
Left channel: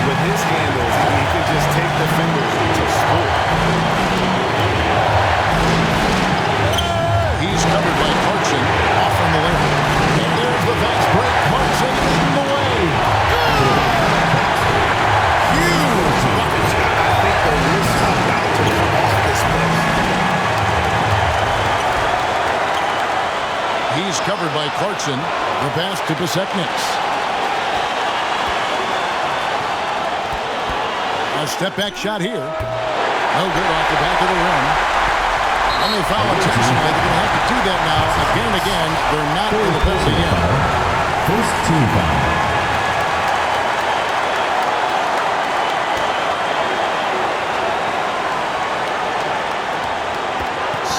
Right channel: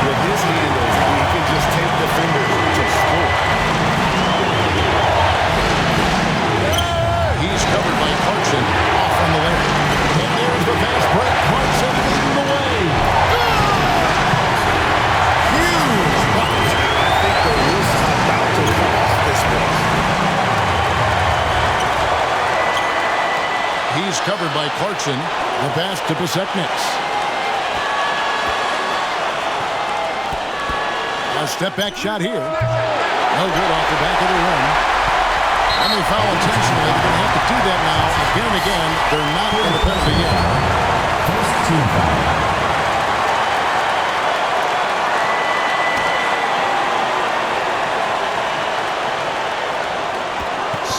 With his handles, he can just take the fingers to score. He's covered by Clarkson off on the layup. And there's the fast break. Clarkson leading the way. Good! Huge bucket. I think the roof's about to come off this place. He's covered by Clarkson. The pass to Besekniks. A step-back shot here. No good off the back of the rim. And they foul intentionally. They're going to have to do that now again and again. They're not in the penalty yet. First team foul.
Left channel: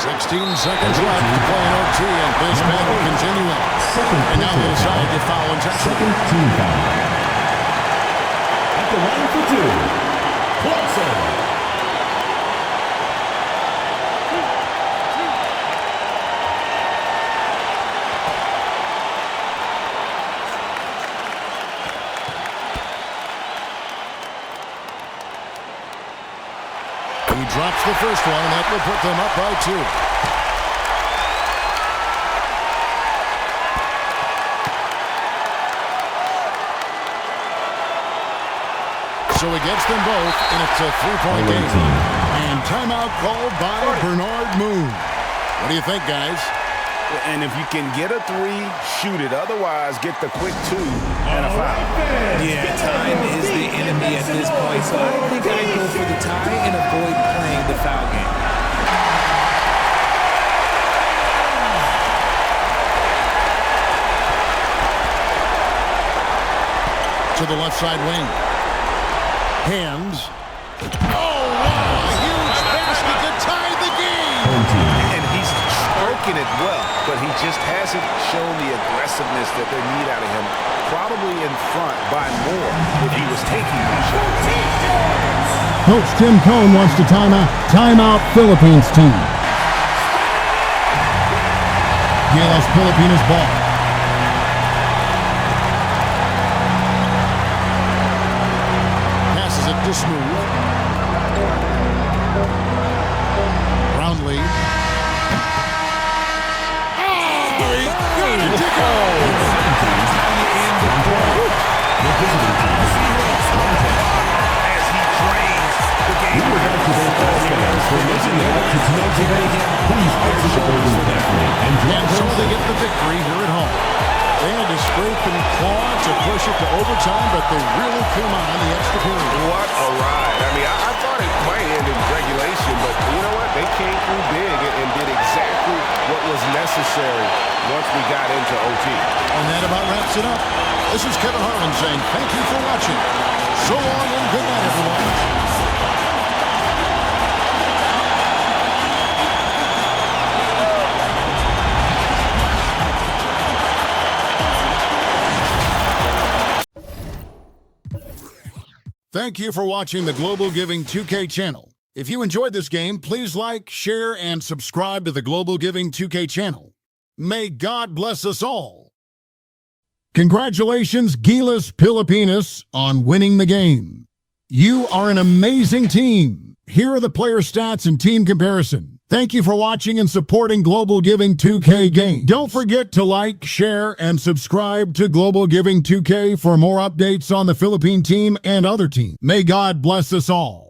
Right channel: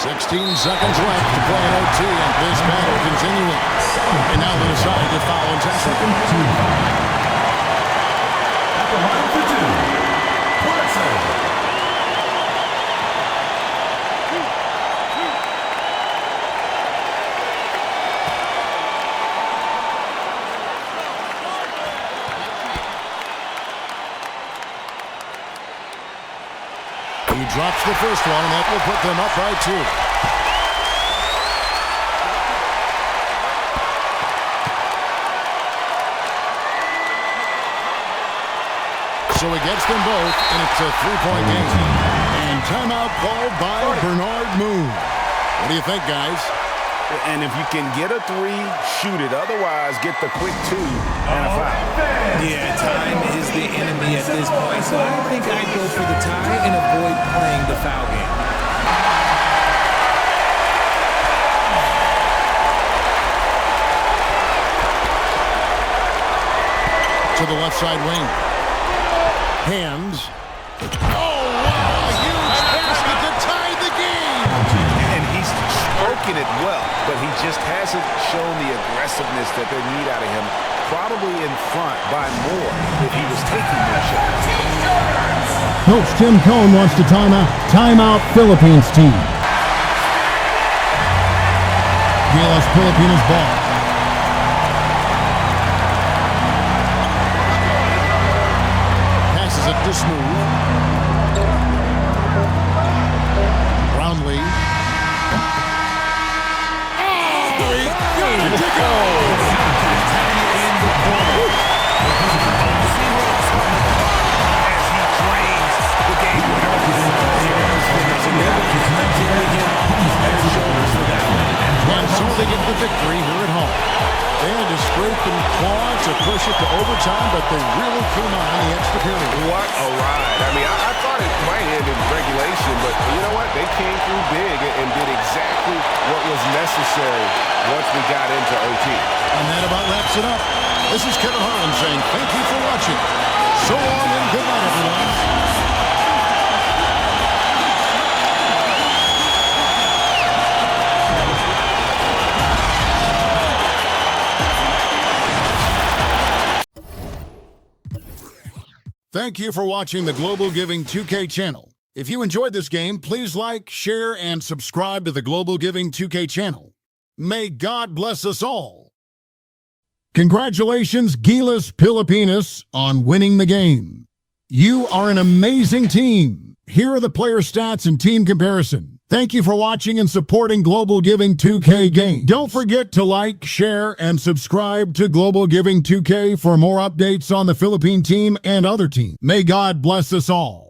16 seconds left to play in OT, and this battle continuing. And now they decide to foul intentionally. Second team foul. At the line for two, Clarkson. He drops the first one, and that will put them up by 2. So he gets them both, and it's a 3-point game. And timeout called by Bernard Moon. What do you think, guys? And if you can get a 3, shoot it. Otherwise, get the quick 2 and a foul. Yeah, time is the enemy at this point, so I think I'd go for the tie and avoid playing the foul game. To the left side wing. Hands. Oh, wow, a huge basket to tie the game. And he's stroking it well, but he just hasn't shown the aggressiveness that they need out of him. Probably in front by more if he was taking more shots. Coach Tim Cohn wants to timeout. Timeout Philippines team. GILAS Pilipinas ball. Passes it to Smooth. Brownlee. Oh, he got it to go! That's how you end the quarter. As he drains the game winner. And so they get the victory here at home. They had to scrape and claw to push it to overtime, but they really came on in the extra period. What a ride. I mean, I thought it might end in regulation, but you know what? They came through big and did exactly what was necessary once we got into OT. And that about wraps it up. This is Kevin Harlan saying thank you for watching. So long and good night, everyone. Thank you for watching the Global Giving 2K channel. If you enjoyed this game, please like, share, and subscribe to the Global Giving 2K channel. May God bless us all. Congratulations, GILAS Pilipinas, on winning the game. You are an amazing team. Here are the player stats and team comparison. Thank you for watching and supporting Global Giving 2K game. Don't forget to like, share, and subscribe to Global Giving 2K for more updates on the Philippine team and other teams. May God bless us all.